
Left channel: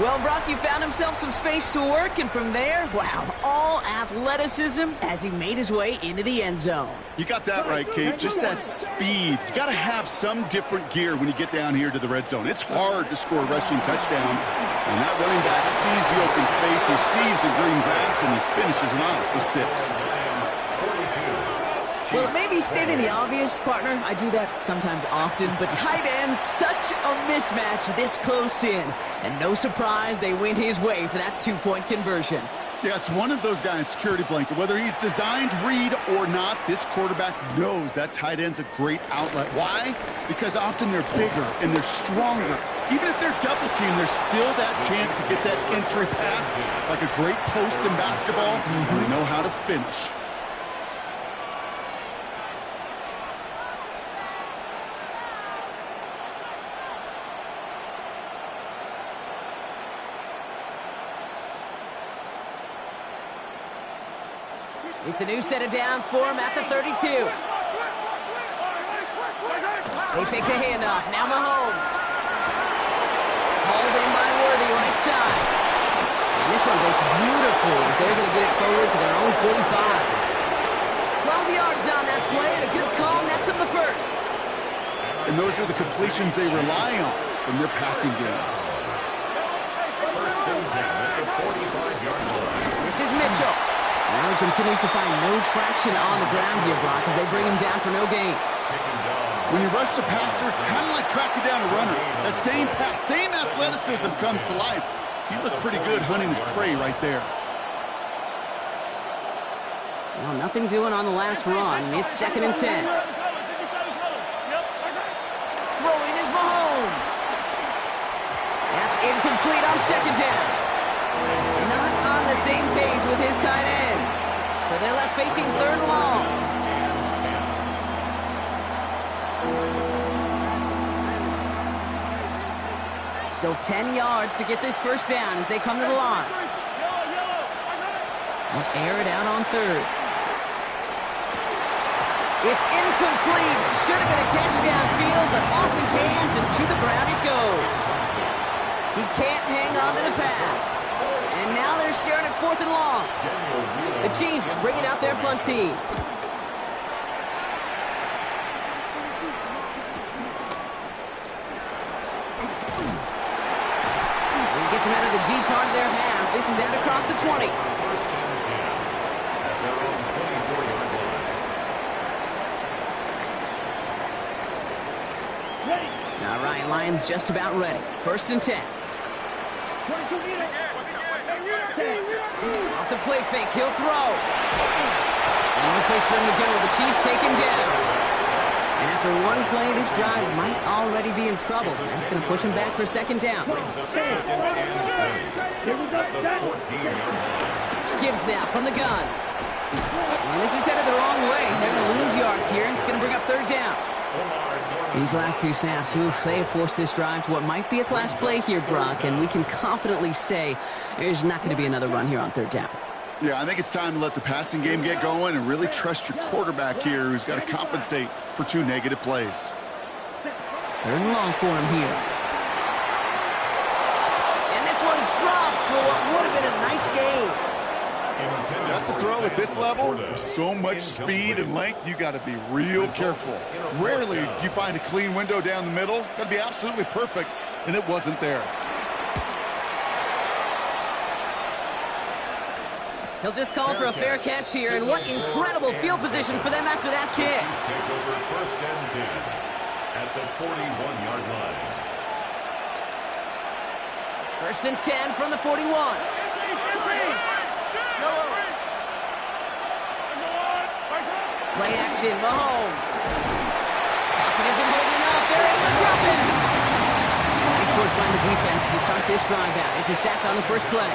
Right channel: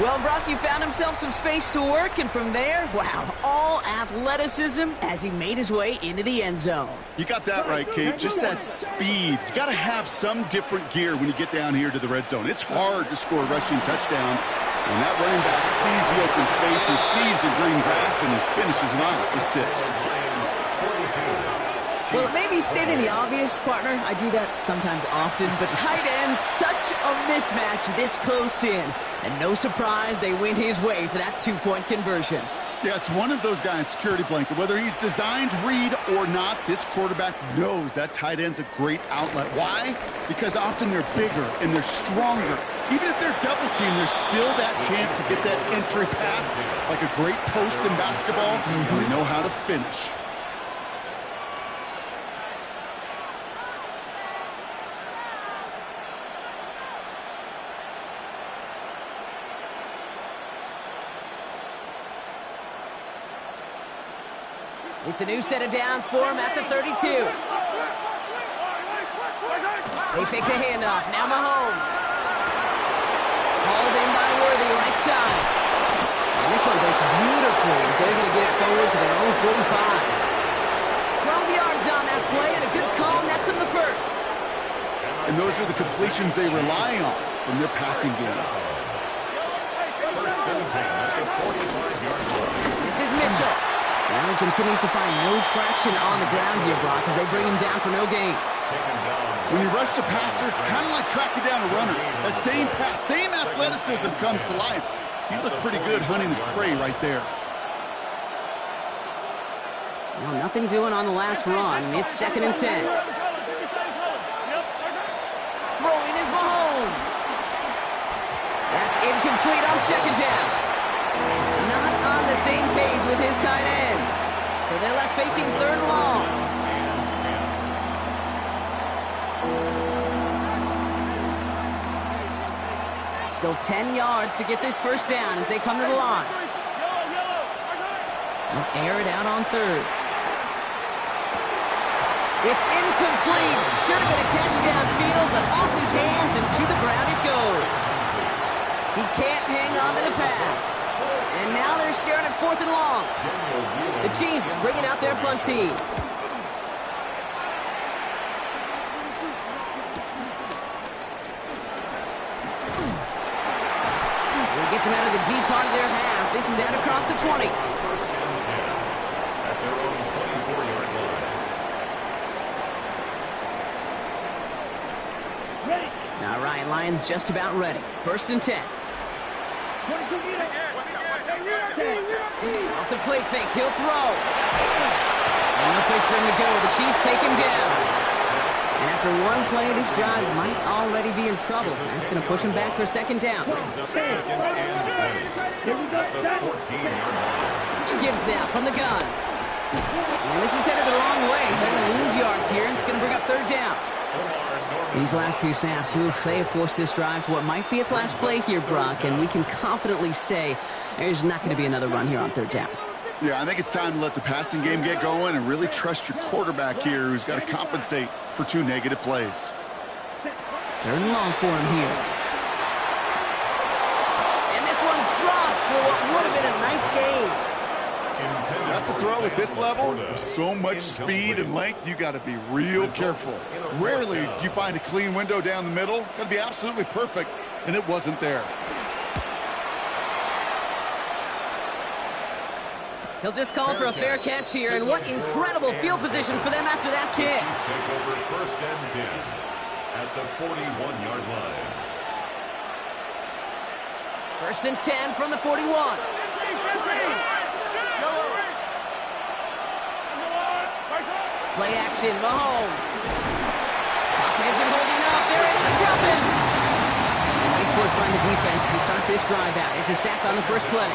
Well, Brock, he found himself some space to work, and from there, wow, all athleticism as he made his way into the end zone. You got that right, Kate. Just that speed. You got to have some different gear when you get down here to the red zone. It's hard to score rushing touchdowns. And that running back sees the open space, he sees the green grass, and he finishes it off for 6. Well, it may be stating the obvious, partner. I do that sometimes often, but tight ends, such a mismatch this close in. And no surprise, they went his way for that two-point conversion. Yeah, it's one of those guys' security blanket. Whether he's designed read or not, this quarterback knows that tight end's a great outlet. Why? Because often they're bigger and they're stronger. Even if they're double-teamed, there's still that chance to get that entry pass like a great post in basketball, and they know how to finish. It's a new set of downs for him at the 32. They fake the handoff. Now Mahomes. Hauled in by Worthy, right side. And this one breaks beautifully as they're going to get it forward to their own 45. 12 yards on that play, and a good call nets them the first. And those are the completions they rely on from their passing game. First and 10 at the 45-yard line. This is Mitchell. Now he continues to find no traction on the ground here, Brock, as they bring him down for no gain. When you rush the passer, it's kind of like tracking down a runner. That same pass, same athleticism comes to life. He looked pretty good hunting his prey right there. Well, nothing doing on the last run. It's 2nd and 10. Throwing is Mahomes. That's incomplete on 2nd down. Not on the same page with his tight end. So they're left facing 3rd and long. Still 10 yards to get this first down as they come to the line. They'll air it out on 3rd. It's incomplete. Should have been a catch downfield, but off his hands and to the ground it goes. He can't hang on to the pass. And now they're staring at 4th and long. The Chiefs bringing out their punt team. He gets him out of the deep part of their half. This is out across the 20. First and 10 at their own 24-yard line. Ready. Now Ryan Lyons just about ready. 1st and 10. Off the play fake, he'll throw. And no place for him to go. The Chiefs take him down. And after one play, this drive might already be in trouble. That's going to push him back for 2nd down. Brings up 2nd and 20 at the 14-yard line. Gibbs now from the gun. And this is headed the wrong way. They're going to lose yards here, and it's going to bring up 3rd down. These last two snaps, they have forced this drive to what might be its last play here, Brock, and we can confidently say there's not going to be another run here on 3rd down. Yeah, I think it's time to let the passing game get going and really trust your quarterback here, who's got to compensate for 2 negative plays. 3rd and long for him here. And this one's dropped for what would have been a nice gain. That's a throw at this level. With so much speed and length, you got to be real careful. Rarely do you find a clean window down the middle. Got to be absolutely perfect, and it wasn't there. He'll just call for a fair catch here, and what incredible field position for them after that kick. Take over 1st and 10 at the 41-yard line. 1st and 10 from the 41. Play action, Mahomes. Pocket isn't holding up. They're able to drop him. Nice work by the defense to start this drive out. It's a sack on the first play.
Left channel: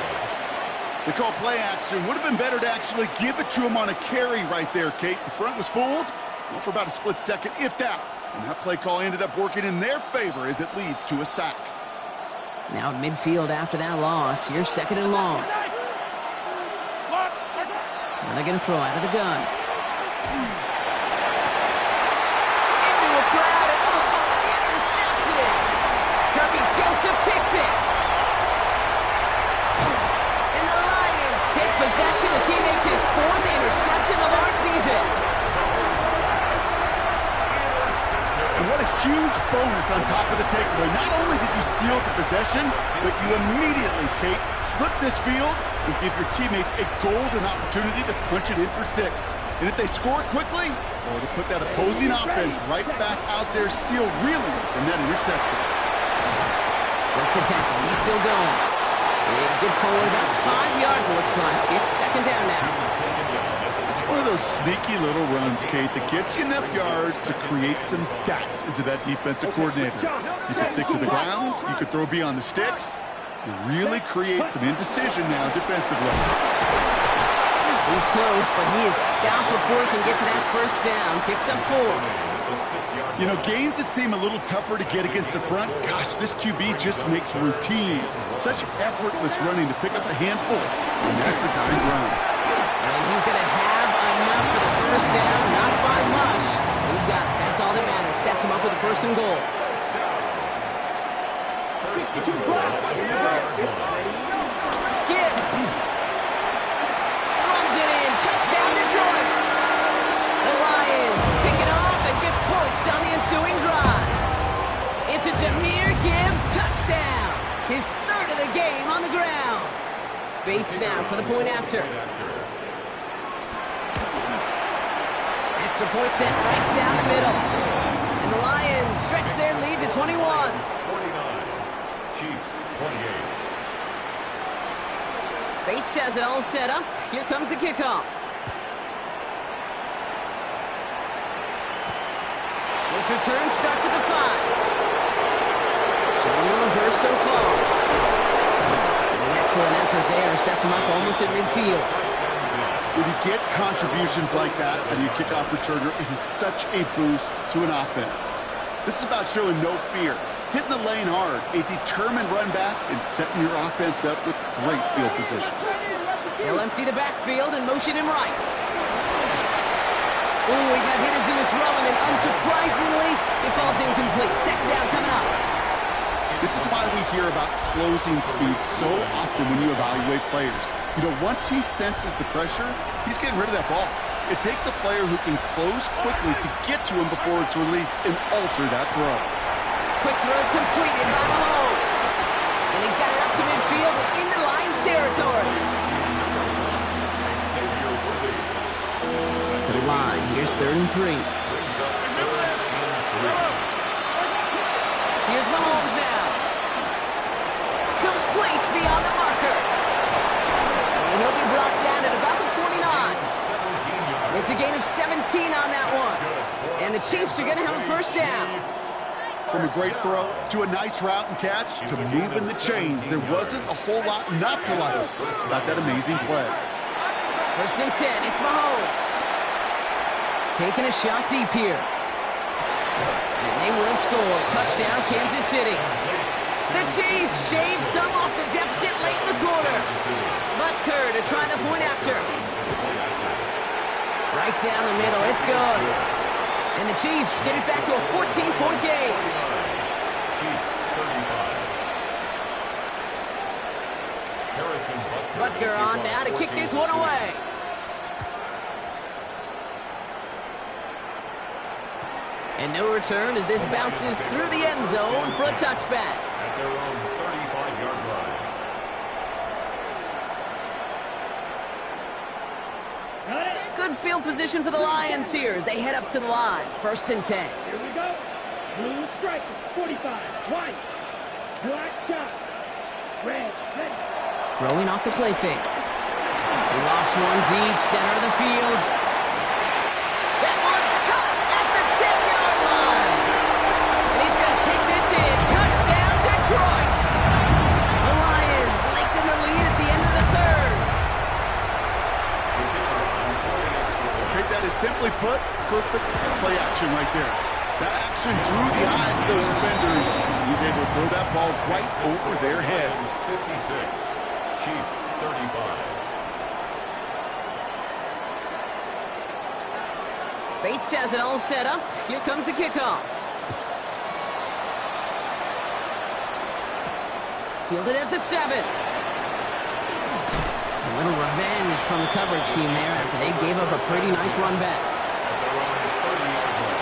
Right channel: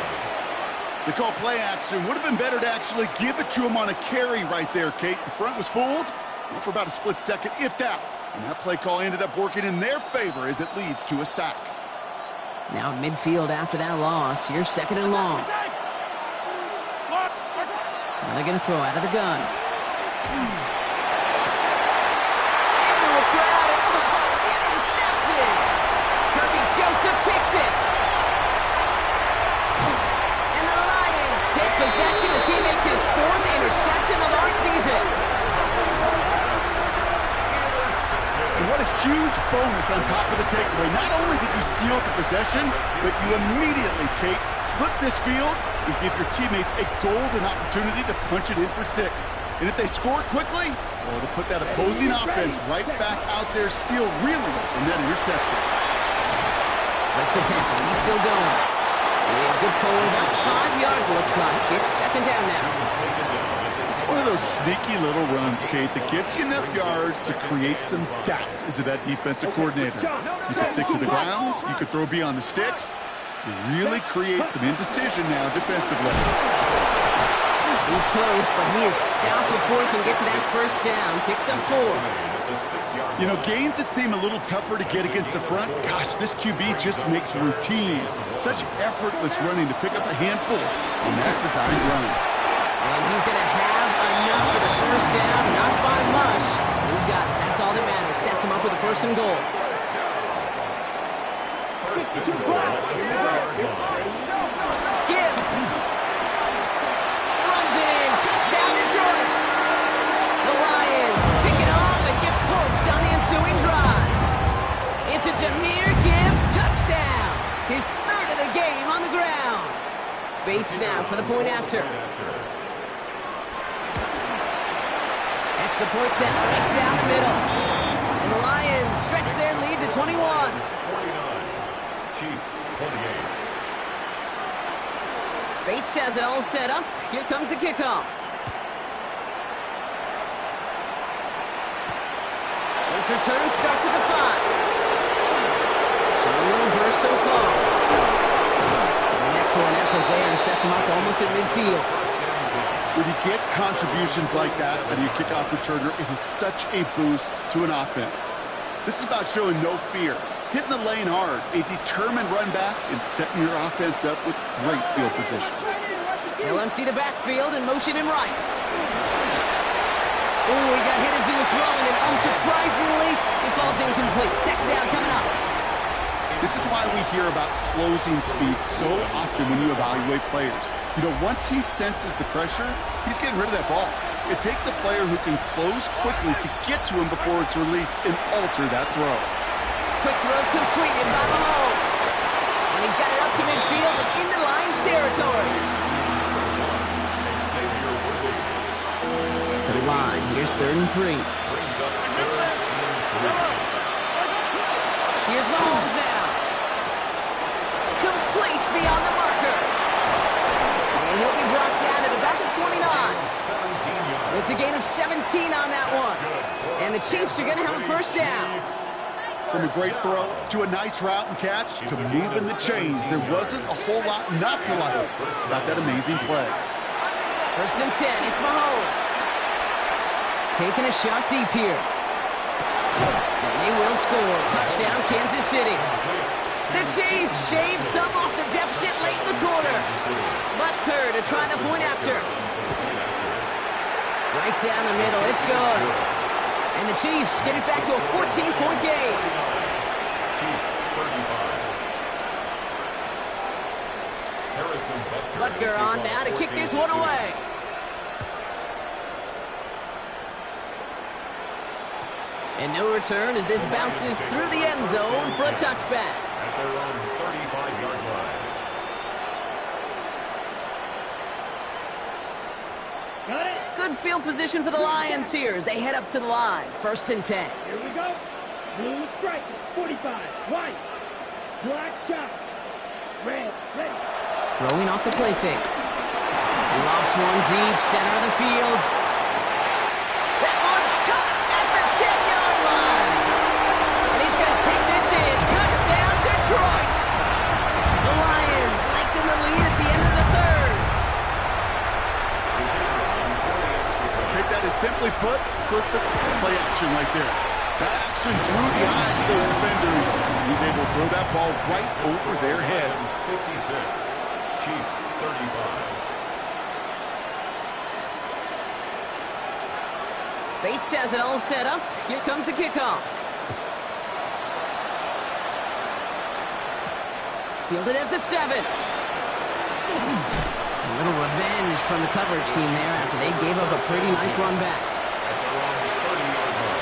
They call play action. Would have been better to actually give it to him on a carry right there, Kate. The front was fooled for about a split second, if that. And that play call ended up working in their favor as it leads to a sack. Now at midfield after that loss, here's 2nd and long. Now they're going to throw out of the gun. Into a crowd and intercepted. Kirby Joseph picks it. And the Lions take possession as he makes his 4th interception of our season. And what a huge bonus on top of the takeaway. Not only did you steal the possession, but you immediately, Kate, flip this field and give your teammates a golden opportunity to punch it in for 6. And if they score quickly, well, to put that opposing offense right back out there, still reeling from that interception. Breaks a tackle. He's still going. Yeah, good forward, about 5 yards, looks like. It's second down now. It's one of those sneaky little runs, Kate, that gets you enough yards to create some doubt into that defensive coordinator. You can stick to the ground. You can throw beyond the sticks. You really create some indecision now defensively. He's close, but he is stopped before he can get to that first down. Picks up 4. You know, gains that seem a little tougher to get against the front, gosh, this QB just makes routine such effortless running to pick up a handful on that designed run. And he's going to have enough for the first down, not by much. He got it. That's all that matters. Sets him up with a first and goal. Gibbs runs it in. Touchdown, Detroit. The Lions pick it off and get points on the ensuing drive. It's a Jahmyr Gibbs touchdown. His third of the game on the ground. Bates now for the point after. Extra point sent right down the middle. And the Lions stretch their lead to 21. 49. Chiefs 28. Bates has it all set up. Here comes the kickoff. His return starts at the 5. Showing a little burst so far. And an excellent effort there. Sets him up almost at midfield. When you get contributions like that out of your kickoff returner, it is such a boost to an offense. This is about showing no fear, hitting the lane hard, a determined run back, and setting your offense up with great field position. He'll empty the backfield and motion him right. Ooh, he got hit as he was throwing, and unsurprisingly, it falls incomplete. Second down coming up. This is why we hear about closing speed so often when you evaluate players. You know, once he senses the pressure, he's getting rid of that ball. It takes a player who can close quickly to get to him before it's released and alter that throw. Quick throw completed by Mahomes. And he's got it up to midfield and into Lions territory. To the line. Here's 3rd and 3. Here's Mahomes now. Complete beyond the marker. And he'll be brought down at about the 29. It's a gain of 17 on that one. And the Chiefs are going to have a first down. From a great throw to a nice route and catch to moving the chains, there wasn't a whole lot not to like about that amazing play. 1st and 10, it's Mahomes. Taking a shot deep here. And they will score. Touchdown, Kansas City. The Chiefs shave some off the deficit late in the quarter. Butker to try the point after. Right down the middle, it's good. And the Chiefs get it back to a 14-point game. Chiefs 35. Harrison Butker on now to kick this one away. And no return as this bounces through the end zone for a touchback. At their own 35-yard line. Got it. Good field position for the Lions here as they head up to the line. 1st and 10. Here we go. Blue striker, 45. White. Black chop. Red, ready. Throwing off the play fake. He lofts one deep, center of the field. That one's caught at the 10-yard line. And he's going to take this in. Touchdown, Detroit. The Lions lengthen the lead at the end of the 3rd. Okay, that is simply put, perfect play action right there. That action drew the eyes of those defenders. He's able to throw that ball right over their heads. 56. Chiefs 35. Bates has it all set up. Here comes the kickoff. Fielded at the 7. A little revenge from the coverage team there after they gave up a pretty nice run back. At their own 30-yard line.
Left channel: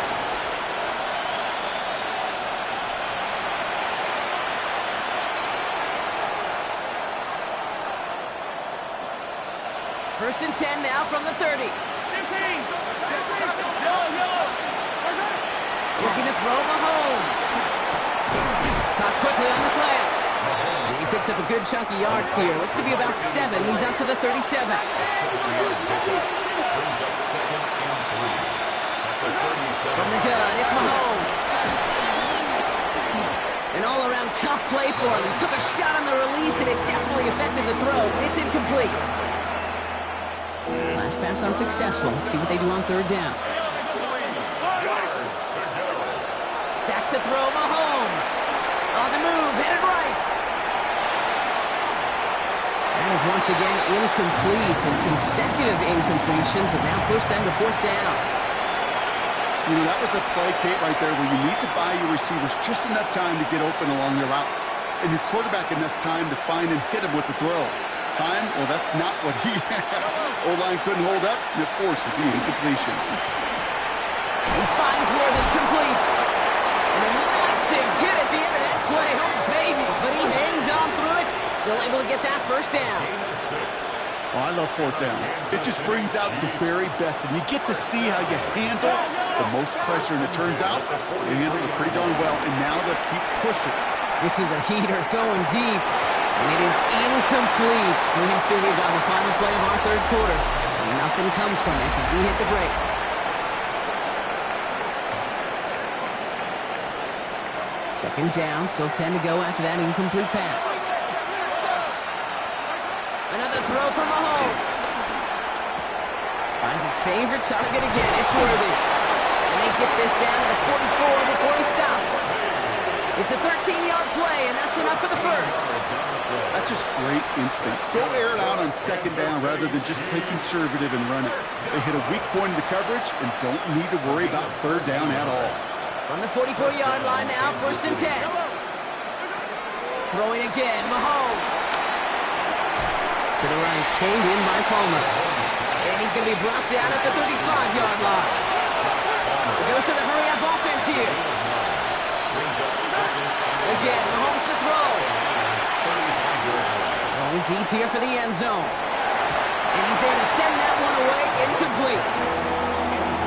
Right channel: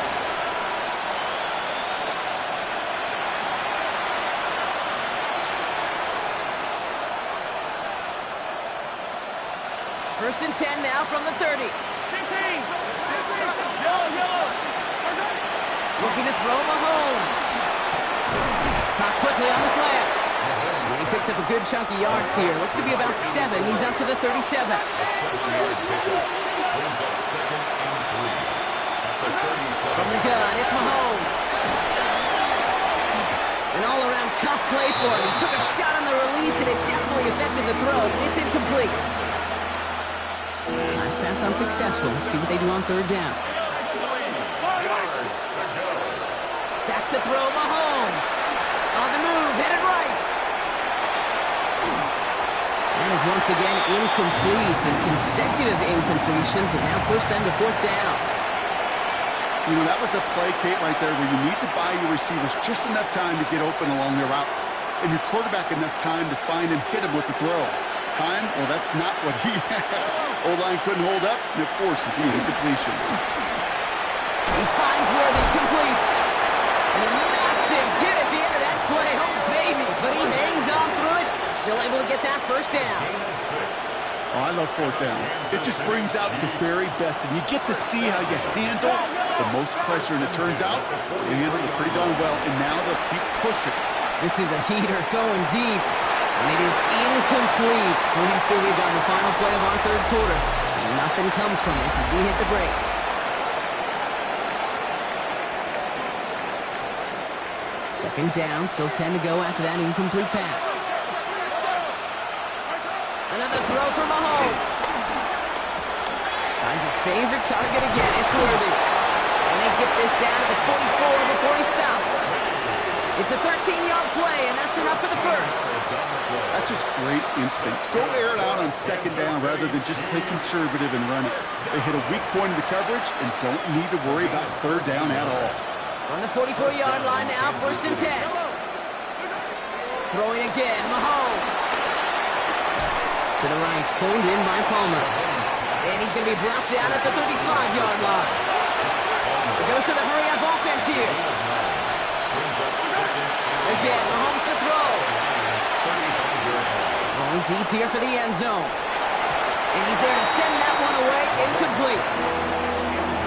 First and 10 now from the 30. 15. Yellow. Looking to throw Mahomes. Caught quickly on the slant. And he picks up a good chunk of yards here. Looks to be about 7. He's up to the 37. A 7-yard pickup brings up 2nd and 3. At the 37. From the gun, it's Mahomes. An all-around tough play for him. He took a shot on the release, and it definitely affected the throw. It's incomplete. Last pass unsuccessful. Let's see what they do on 3rd down. 3 yards to go. Back to throw Mahomes. On the move, headed right. That is once again incomplete, and consecutive incompletions have now pushed them to 4th down. You know, that was a play, Kate, right there where you need to buy your receivers just enough time to get open along their routes, and your quarterback enough time to find and hit him with the throw. Time? Well, that's not what he had. O-line couldn't hold up, and it forces the incompletion. He finds Worthy complete. And a massive hit at the end of that play. Oh, baby. But he hangs on through it. Still able to get that 1st down. Gain of 6. Oh, I love 4th downs. It just brings out the very best, and you get to see how you handle the most pressure, and it turns out they handled it pretty darn well, and now they'll keep pushing. This is a heater going deep, and it is incomplete. Win big on the final play of our 3rd quarter. And nothing comes from it as we hit the break. Second down, still 10 to go after that incomplete pass. Another throw for Mahomes. Finds his favorite target again. It's Worthy. And they get this down to the 44 before he stopped. It's a 13-yard play, and that's enough for the 1st. That's just great instincts. Go air it out on 2nd down rather than just play conservative and run it. They hit a weak point in the coverage and don't need to worry about 3rd down at all. On the 44-yard line now, 1st and 10. Throwing again, Mahomes. To the right, pulled in by Palmer. And he's going to be brought down at the 35-yard line. It goes to the hurry-up offense here. Again, Mahomes to throw. Going deep here for the end zone. And he's there to send that one away, incomplete.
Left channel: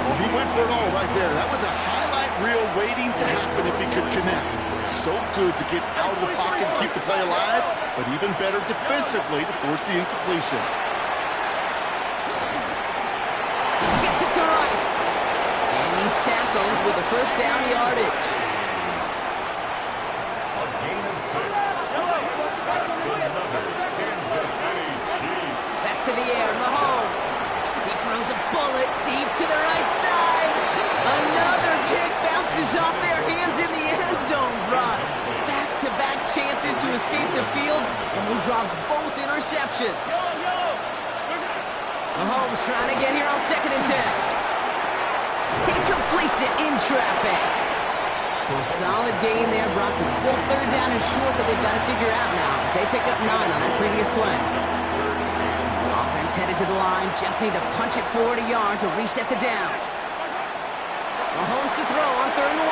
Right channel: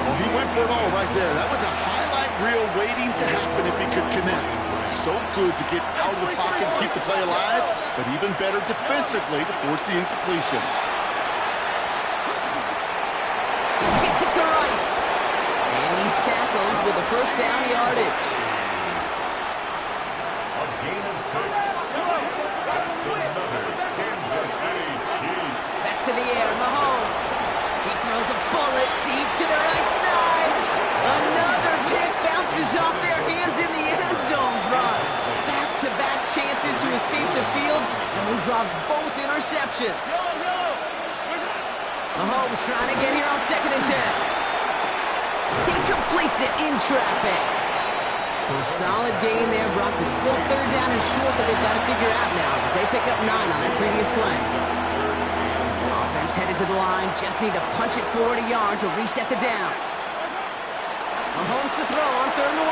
Well, he went for it all right there. That was a highlight reel waiting to happen if he could connect. So good to get out of the pocket and keep the play alive, but even better defensively to force the incompletion. He gets it to Rice. And he's tackled with a 1st down yardage. A gain of 6. That's another Kansas City Chiefs. Back to the air, Mahomes. He throws a bullet deep to the right side. Another pick bounces off their hands in the end zone, Brock. Back-to-back chances to escape the field, and they dropped both interceptions. Mahomes trying to get here on 2nd and 10. He completes it in traffic. So a solid gain there, Brock, but still 3rd down and short that they've got to figure out now as they pick up 9 on that previous play. Offense headed to the line, just need to punch it forward a yard to reset the downs. Mahomes to throw on 3rd and 1.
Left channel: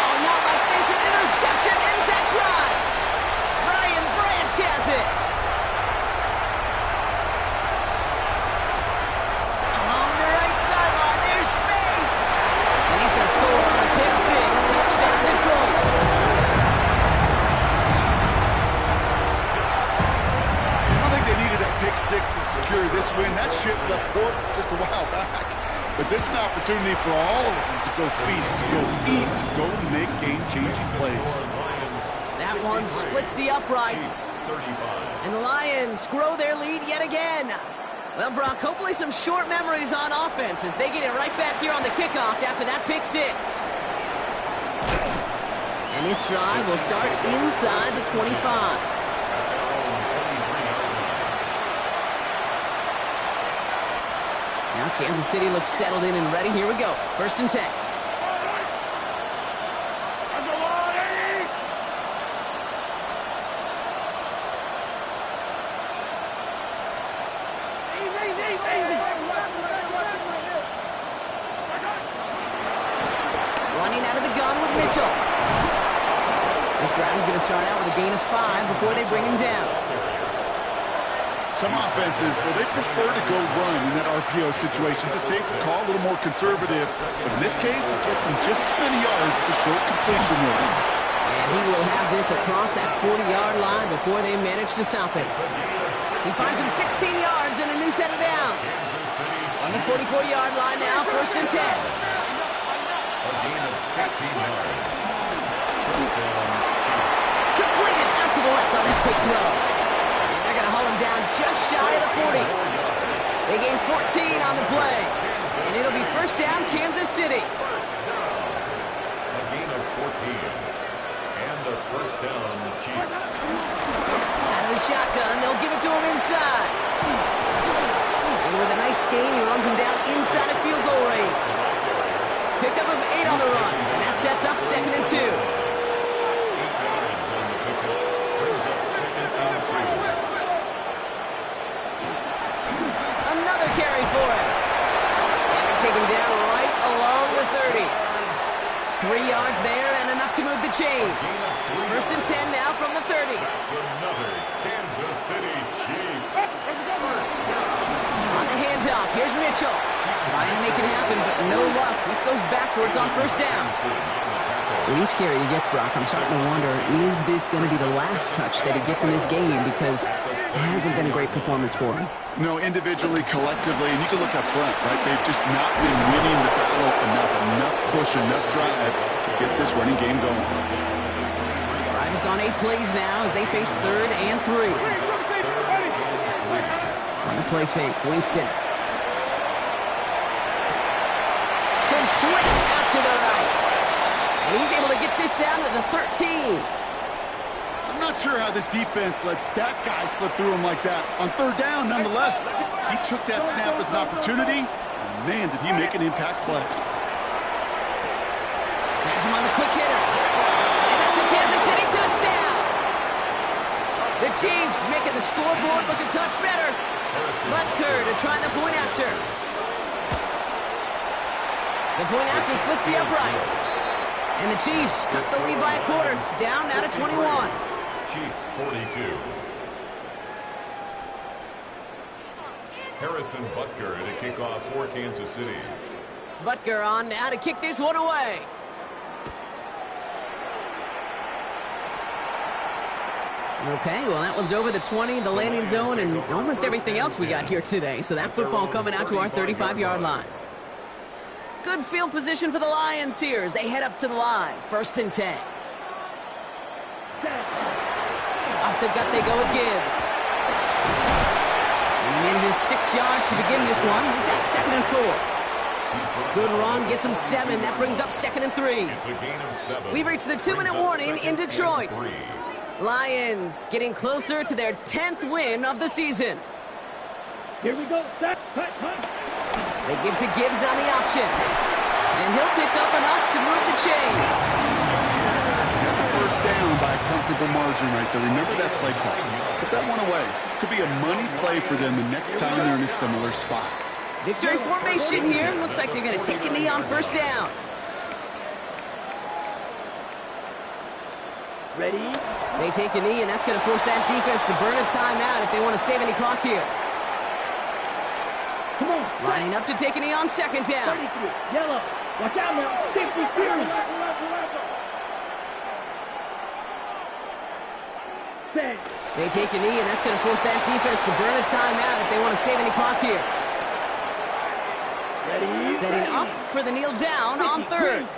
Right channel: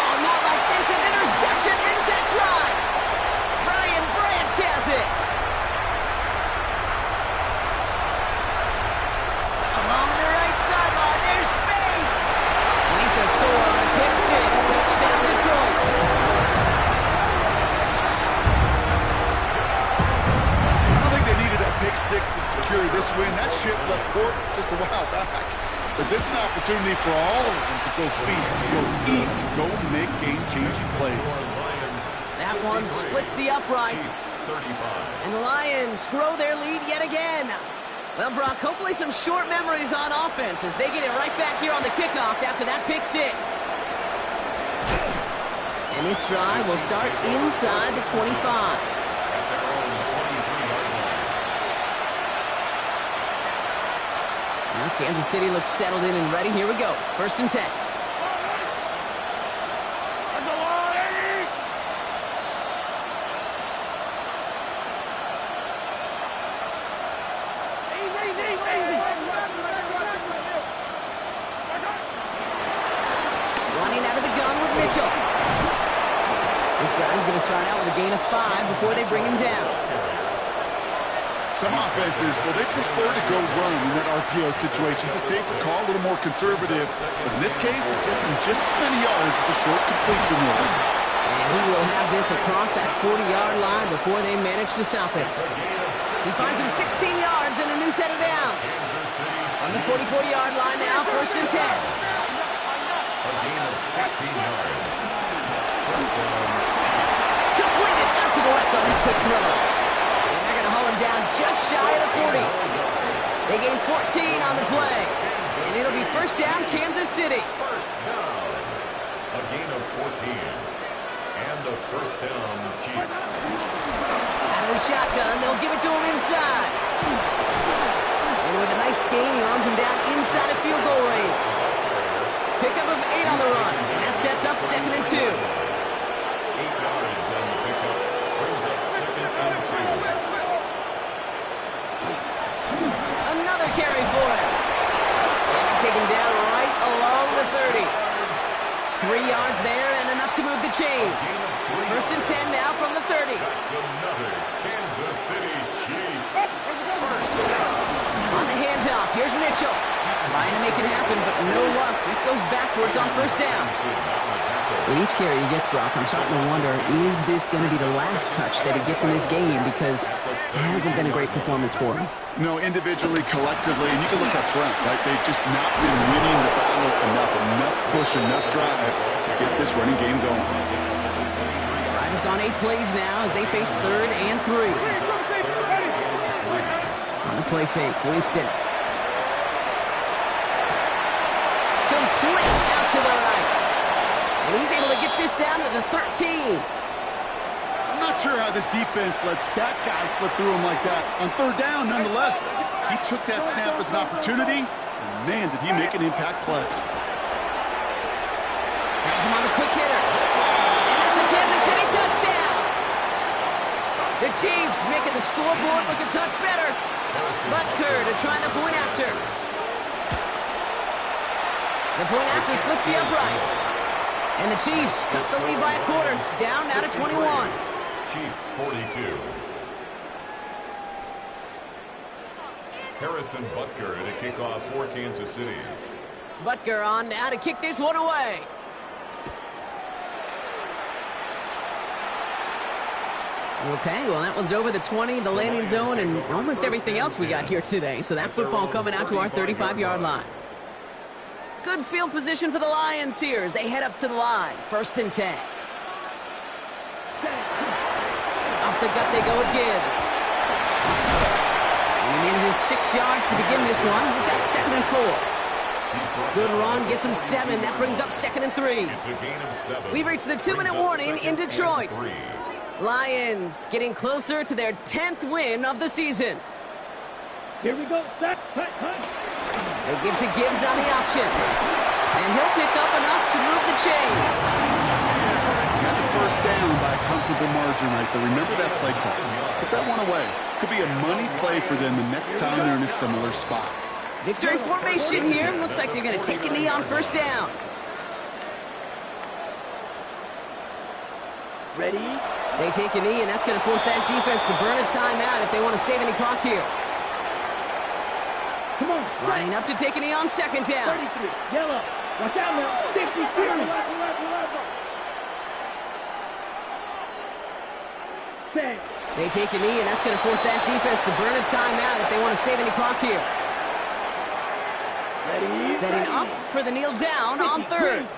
Oh, not like this, an interception ends that drive. Brian Branch has it. Along the right sideline, there's space. And he's going to score on a pick 6. Touchdown, Detroit. I don't think they needed that pick 6 to secure this win. That ship left port just a while back. But this is an opportunity for all of them to go feast, to go eat, to go make game-changing plays. That one splits the uprights. And the Lions grow their lead yet again. Well, Brock, hopefully some short memories on offense as they get it right back here on the kickoff after that pick 6. And this drive will start inside the 25. At their own 23-yard line. Now Kansas City looks settled in and ready. Here we go. 1st and 10. Running out of the gun with Mitchell. This drive is going to start out with a gain of 5 before they bring him down. Some offenses, well, they prefer to go run in that RPO situation. It's a safer call, a little more conservative. But in this case, it gets him just as many yards as a short completion would. And he will have this across that 40-yard line before they manage to stop him. He finds him 16 yards and a new set of downs. On the 44-yard line now, 1st and 10. A gain of 16 yards. First down, Chiefs. Completed out to the left on that quick throw. And they're going to haul him down just shy of the 40. They gain 14 on the play. And it'll be 1st down, Kansas City. First down. A gain of 14. And a 1st down, Chiefs. Out of the shotgun, they'll give it to him inside. And with a nice gain, he runs him down inside of field goal range. Pickup of 8 on the run, and that sets up 2nd and 2. 8 yards on the pickup. Brings up 2nd and 2. Another carry for him. And they take him down right along the 30. 3 yards there and enough to move the chains. 1st and 10 now from the 30. That's another Kansas City Chiefs. First down. On the handoff, here's Mitchell. Trying to make it happen, but no luck. This goes backwards on 1st down. With each carry he gets, Brock, I'm starting to wonder, is this going to be the last touch that he gets in this game? Because it hasn't been a great performance for him. No, individually, collectively, and you can look up front, right? They've just not been winning the battle enough push, enough drive to get this running game going. Drive has gone 8 plays now as they face 3rd and 3. On the play fake, Winston. Complete out to the right. And he's able to get this down to the 13. I'm not sure how this defense let that guy slip through him like that. On 3rd down, nonetheless, he took that snap as an opportunity, and man, did he make an impact play. Has him on the quick hitter. And that's a Kansas City touchdown. The Chiefs making the scoreboard look a touch better. Butker to try the point after. The point after splits the uprights. And the Chiefs cut the lead by a quarter, down now to 21. Chiefs 42. Harrison Butker to kick off for Kansas City. Butker on now to kick this one away. Okay, well, that one's over the 20, the landing zone, and almost everything else we got here today. So that football coming out to our 35-yard line. Good field position for the Lions here as they head up to the line. 1st and 10. Off the gut they go with Gibbs. And he manages 6 yards to begin this one. We've got 2nd and 4. Good run, gets him 7. That brings up 2nd and 3. It's a gain of 7. We've reached the 2-minute warning in Detroit. Lions getting closer to their 10th win of the season. Here we go. Sack. Hut. They give to Gibbs on the option. And he'll pick up enough to move the chains. Got the 1st down by a comfortable margin right there. Remember that play call. Put that one away. Could be a money play for them the next time they're in a similar spot. Victory formation here. Looks like they're going to take a knee on 1st down. Ready? They take a knee, and that's going to force that defense to burn a timeout if they want to save any clock here. Come on. Lining up to take a knee on 2nd down. 33. Yellow. Watch out now. 50 series. Set. They take a knee, and that's going to force that defense to burn a timeout if they want to save any clock here. Ready? Setting up for the kneel down on 3rd.